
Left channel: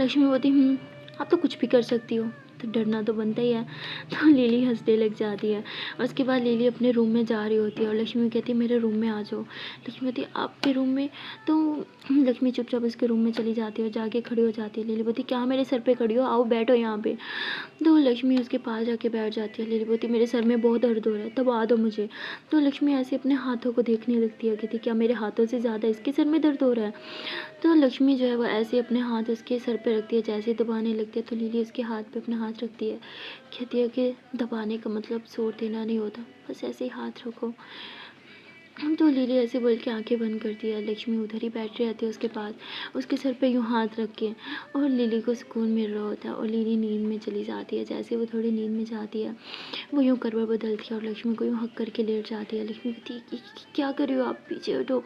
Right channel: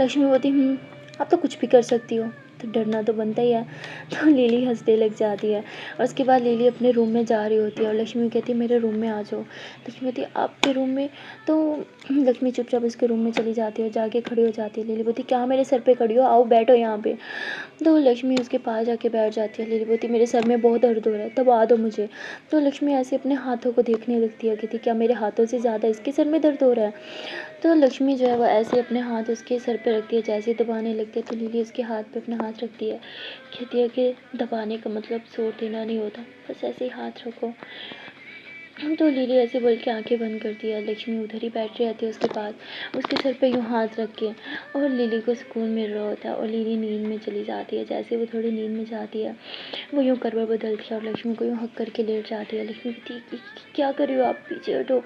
लक्ष्मी बोलती आप तो कुछ भी कर सकती हो, तो डरना तो बनता ही है। तो लिली हंसने लग जाती है और उसके बाद लिली अपने रूम में जा रही होती है और लक्ष्मी कहती है मेरे रूम में आ जाओ। लक्ष्मी कहती है आपके रूम में? तो लक्ष्मी चुपचाप उसके रूम में चली जाती है और जाके खड़ी हो जाती है। लिली बोलती क्या मेरे सर पे खड़ी हो, आओ बैठो यहाँ पे। तो लक्ष्मी उसके पास जाके बैठ जाती है। लिली बोलती मेरे सर में बहुत दर्द हो रहा है, दबा दो मुझे। तो लक्ष्मी ऐसे अपने हाथों को देखने लगती है, कहती क्या मेरे हाथों से ज़्यादा इसके सर में दर्द हो रहा है? तो लक्ष्मी जो है वो ऐसे अपने हाथ उसके सर पे रखती है, जैसे ही दबाने लगती है तो लिली उसके हाथ पे अपना हाथ रखती है। कहती है कि दबाने का मतलब जोर देना नहीं होता, बस ऐसे ही हाथ रखो। तो लिली ऐसे बोल के आंखें बंद करती है। लक्ष्मी उधर ही बैठ रहती है उसके पास, उसके सर पे यूँ हाथ रख के, और लिली को सुकून मिल रहा होता है और लिली नींद में चली जाती है। जैसे वो थोड़ी नींद में जाती है वो यूँ करवट बदलती है और लक्ष्मी को यूँ हक करके लेट जाती है। लक्ष्मी कहती है कि क्या कर रही हो आप, पीछे हटो।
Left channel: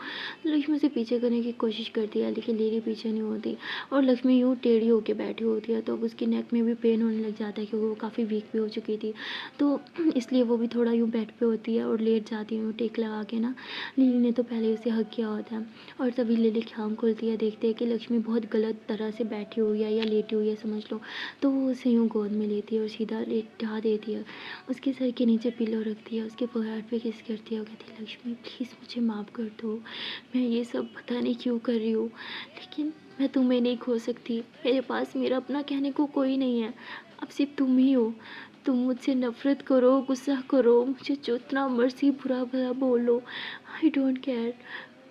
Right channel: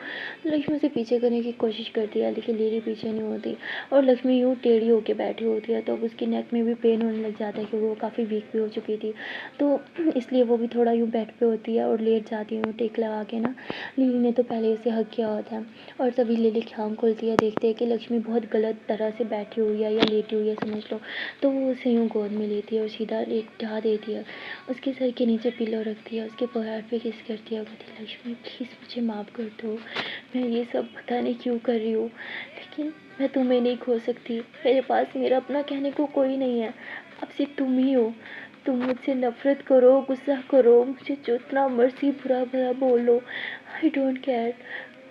लक्ष्मी उसे पीछे करने की कोशिश करती है लेकिन लिली पीछे नहीं होती और लक्ष्मी यूँ टेढ़ी होकर बैठी होती है। तो अब उसकी नेक में भी पेन होने लग जाता है क्योंकि वो काफ़ी वीक भी हो चुकी थी, तो इसलिए वो भी थोड़ा यूँ बेड पे होती है और लेट जाती है टेक लगा के ना। लिली ने तो पहले उसे हक किया होता है और तभी लिली की आँख खुलती है, देखते हैं कि लक्ष्मी बहुत गलत तरह से बैठी हुई है या लेटी हुई है समझ लो। तो वो उसे यूँ गोद में लेती है और सीधा लेटा देती है, उसके सर के नीचे पिलो रखती है, उसके फोrehead पे किस करती है। कहती है लक्ष्मी प्लीज़ मुझे माफ़ कर दो, मैं ये सब पता नहीं क्यों कर रही हूँ, लेकिन मैं तुम्हें नहीं खो सकती। मेरे पास मेरा अपना कहने को कोई नहीं है, अब सिर्फ तुम ही हो। तुम मुझसे नफ़रत करो, गुस्सा करो, मुझे जितना मर्ज़ी बुरा भला बोलो, आई डोंट केयर,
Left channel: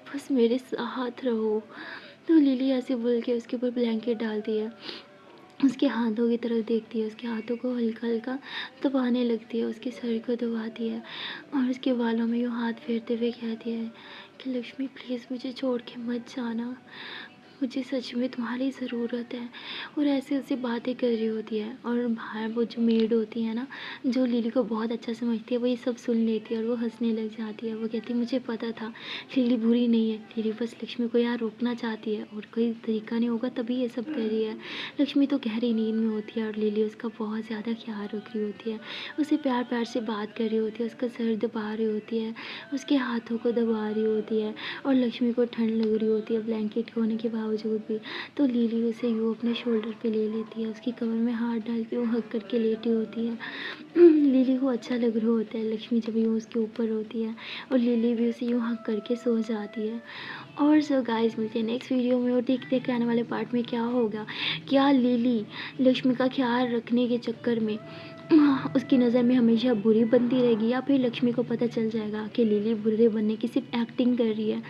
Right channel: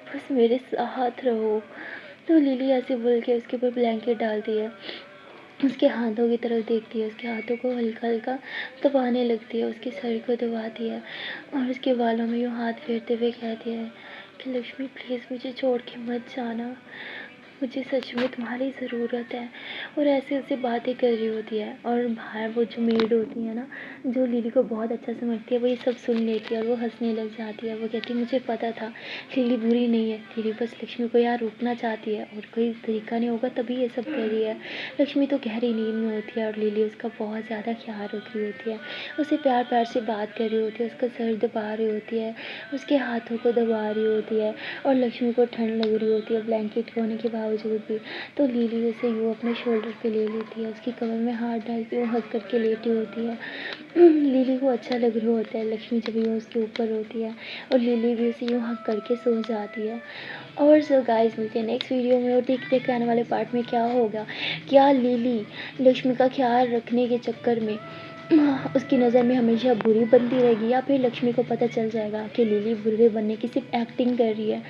बस मेरे साथ रहो। तो लिली ऐसे बोल के उसके ऊपर ब्लैंकेट डालती है, उसके हाथों की तरफ देखती है, उसके हाथों को हल्का हल्का दबाने लगती है, उसके सर को दबाती है और उसके बालों में यूँ हाथ फेरते हुए कहती है कि लक्ष्मी प्लीज़ मुझे छोड़ के मत जाना, मुझे सच में तुम्हारी ज़रूरत है। और ऐसे उससे बातें कर रही होती है और बाहर वो जो मेड होती है ना, जो लिली को बहुत अच्छा समझती है, वो ये सब सुन लेती है और वो हंसने लग जाती है। वो कहती है मुझे पता था लिली बुरी नहीं है, लिली बस लक्ष्मी को यहाँ रोकना चाहती है और कोई तरीका नहीं होगा तभी ये सब कर रही है। लक्ष्मी तो गहरी नींद में होती है और लिली उसका बहुत ज़्यादा ख्याल रख रही होती है, उसे प्यार प्यार से बात कर रही होती है, उसका सर दबा रही होती है, उसके हाथों को दबा रही होती है और लक्ष्मी को ठंड लग रही होती है ब्लैंकेट के होने के बावजूद भी। तो लिली उसे यूँ अपने शोल्डर पे ले लेती है, उसकी कमर में हाथ डाल के वो हक करके लेटी होती है। लिली को अच्छा लग रहा होता है लक्ष्मी जब यूँ उसके ऊपर होती है और लिली भी उसे यूँ हक करके सो जाती है। और सो गाइस मिलते हैं नेक्स्ट वीडियो में और देखते हैं कि आने वाले पार्ट में क्या होगा। क्या लिली लक्ष्मी का ख्याल रखने के चक्कर में उसकी नज़र में हमेशा बुरी बनती रहेगी, या फिर लक्ष्मी को पता चल जाएगा कि लिली बुरे बनने की सिर्फ एक्टिंग कर रही है।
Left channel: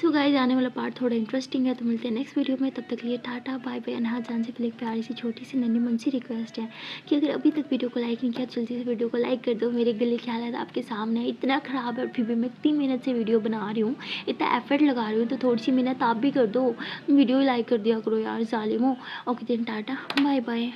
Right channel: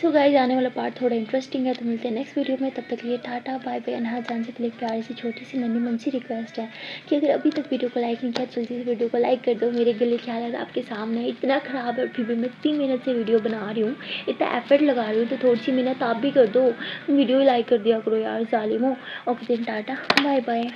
सो गाइस, आने वाला पार्ट थोड़ा इंटरेस्टिंग है, तो मिलते हैं नेक्स्ट वीडियो में। तब तक के लिए टाटा बाय बाय। हाँ, जाने से पहले एक प्यारी सी छोटी सी नन्ही मुंसी रिक्वेस्ट है कि अगर अभी तक वीडियो को लाइक नहीं किया, जल्दी से वीडियो को लाइक कर दो। मेरे गले की हालत आपके सामने है, इतना ख़राब है, और फिर भी मैं इतनी मेहनत से वीडियो बना रही हूँ, इतना एफर्ट लगा रही हूँ, तो थोड़ी सी मेहनत आप भी कर दो, वीडियो लाइक कर दिया करो यार, ज़ालिमो। ओके दिन, टाटा बाय बाय।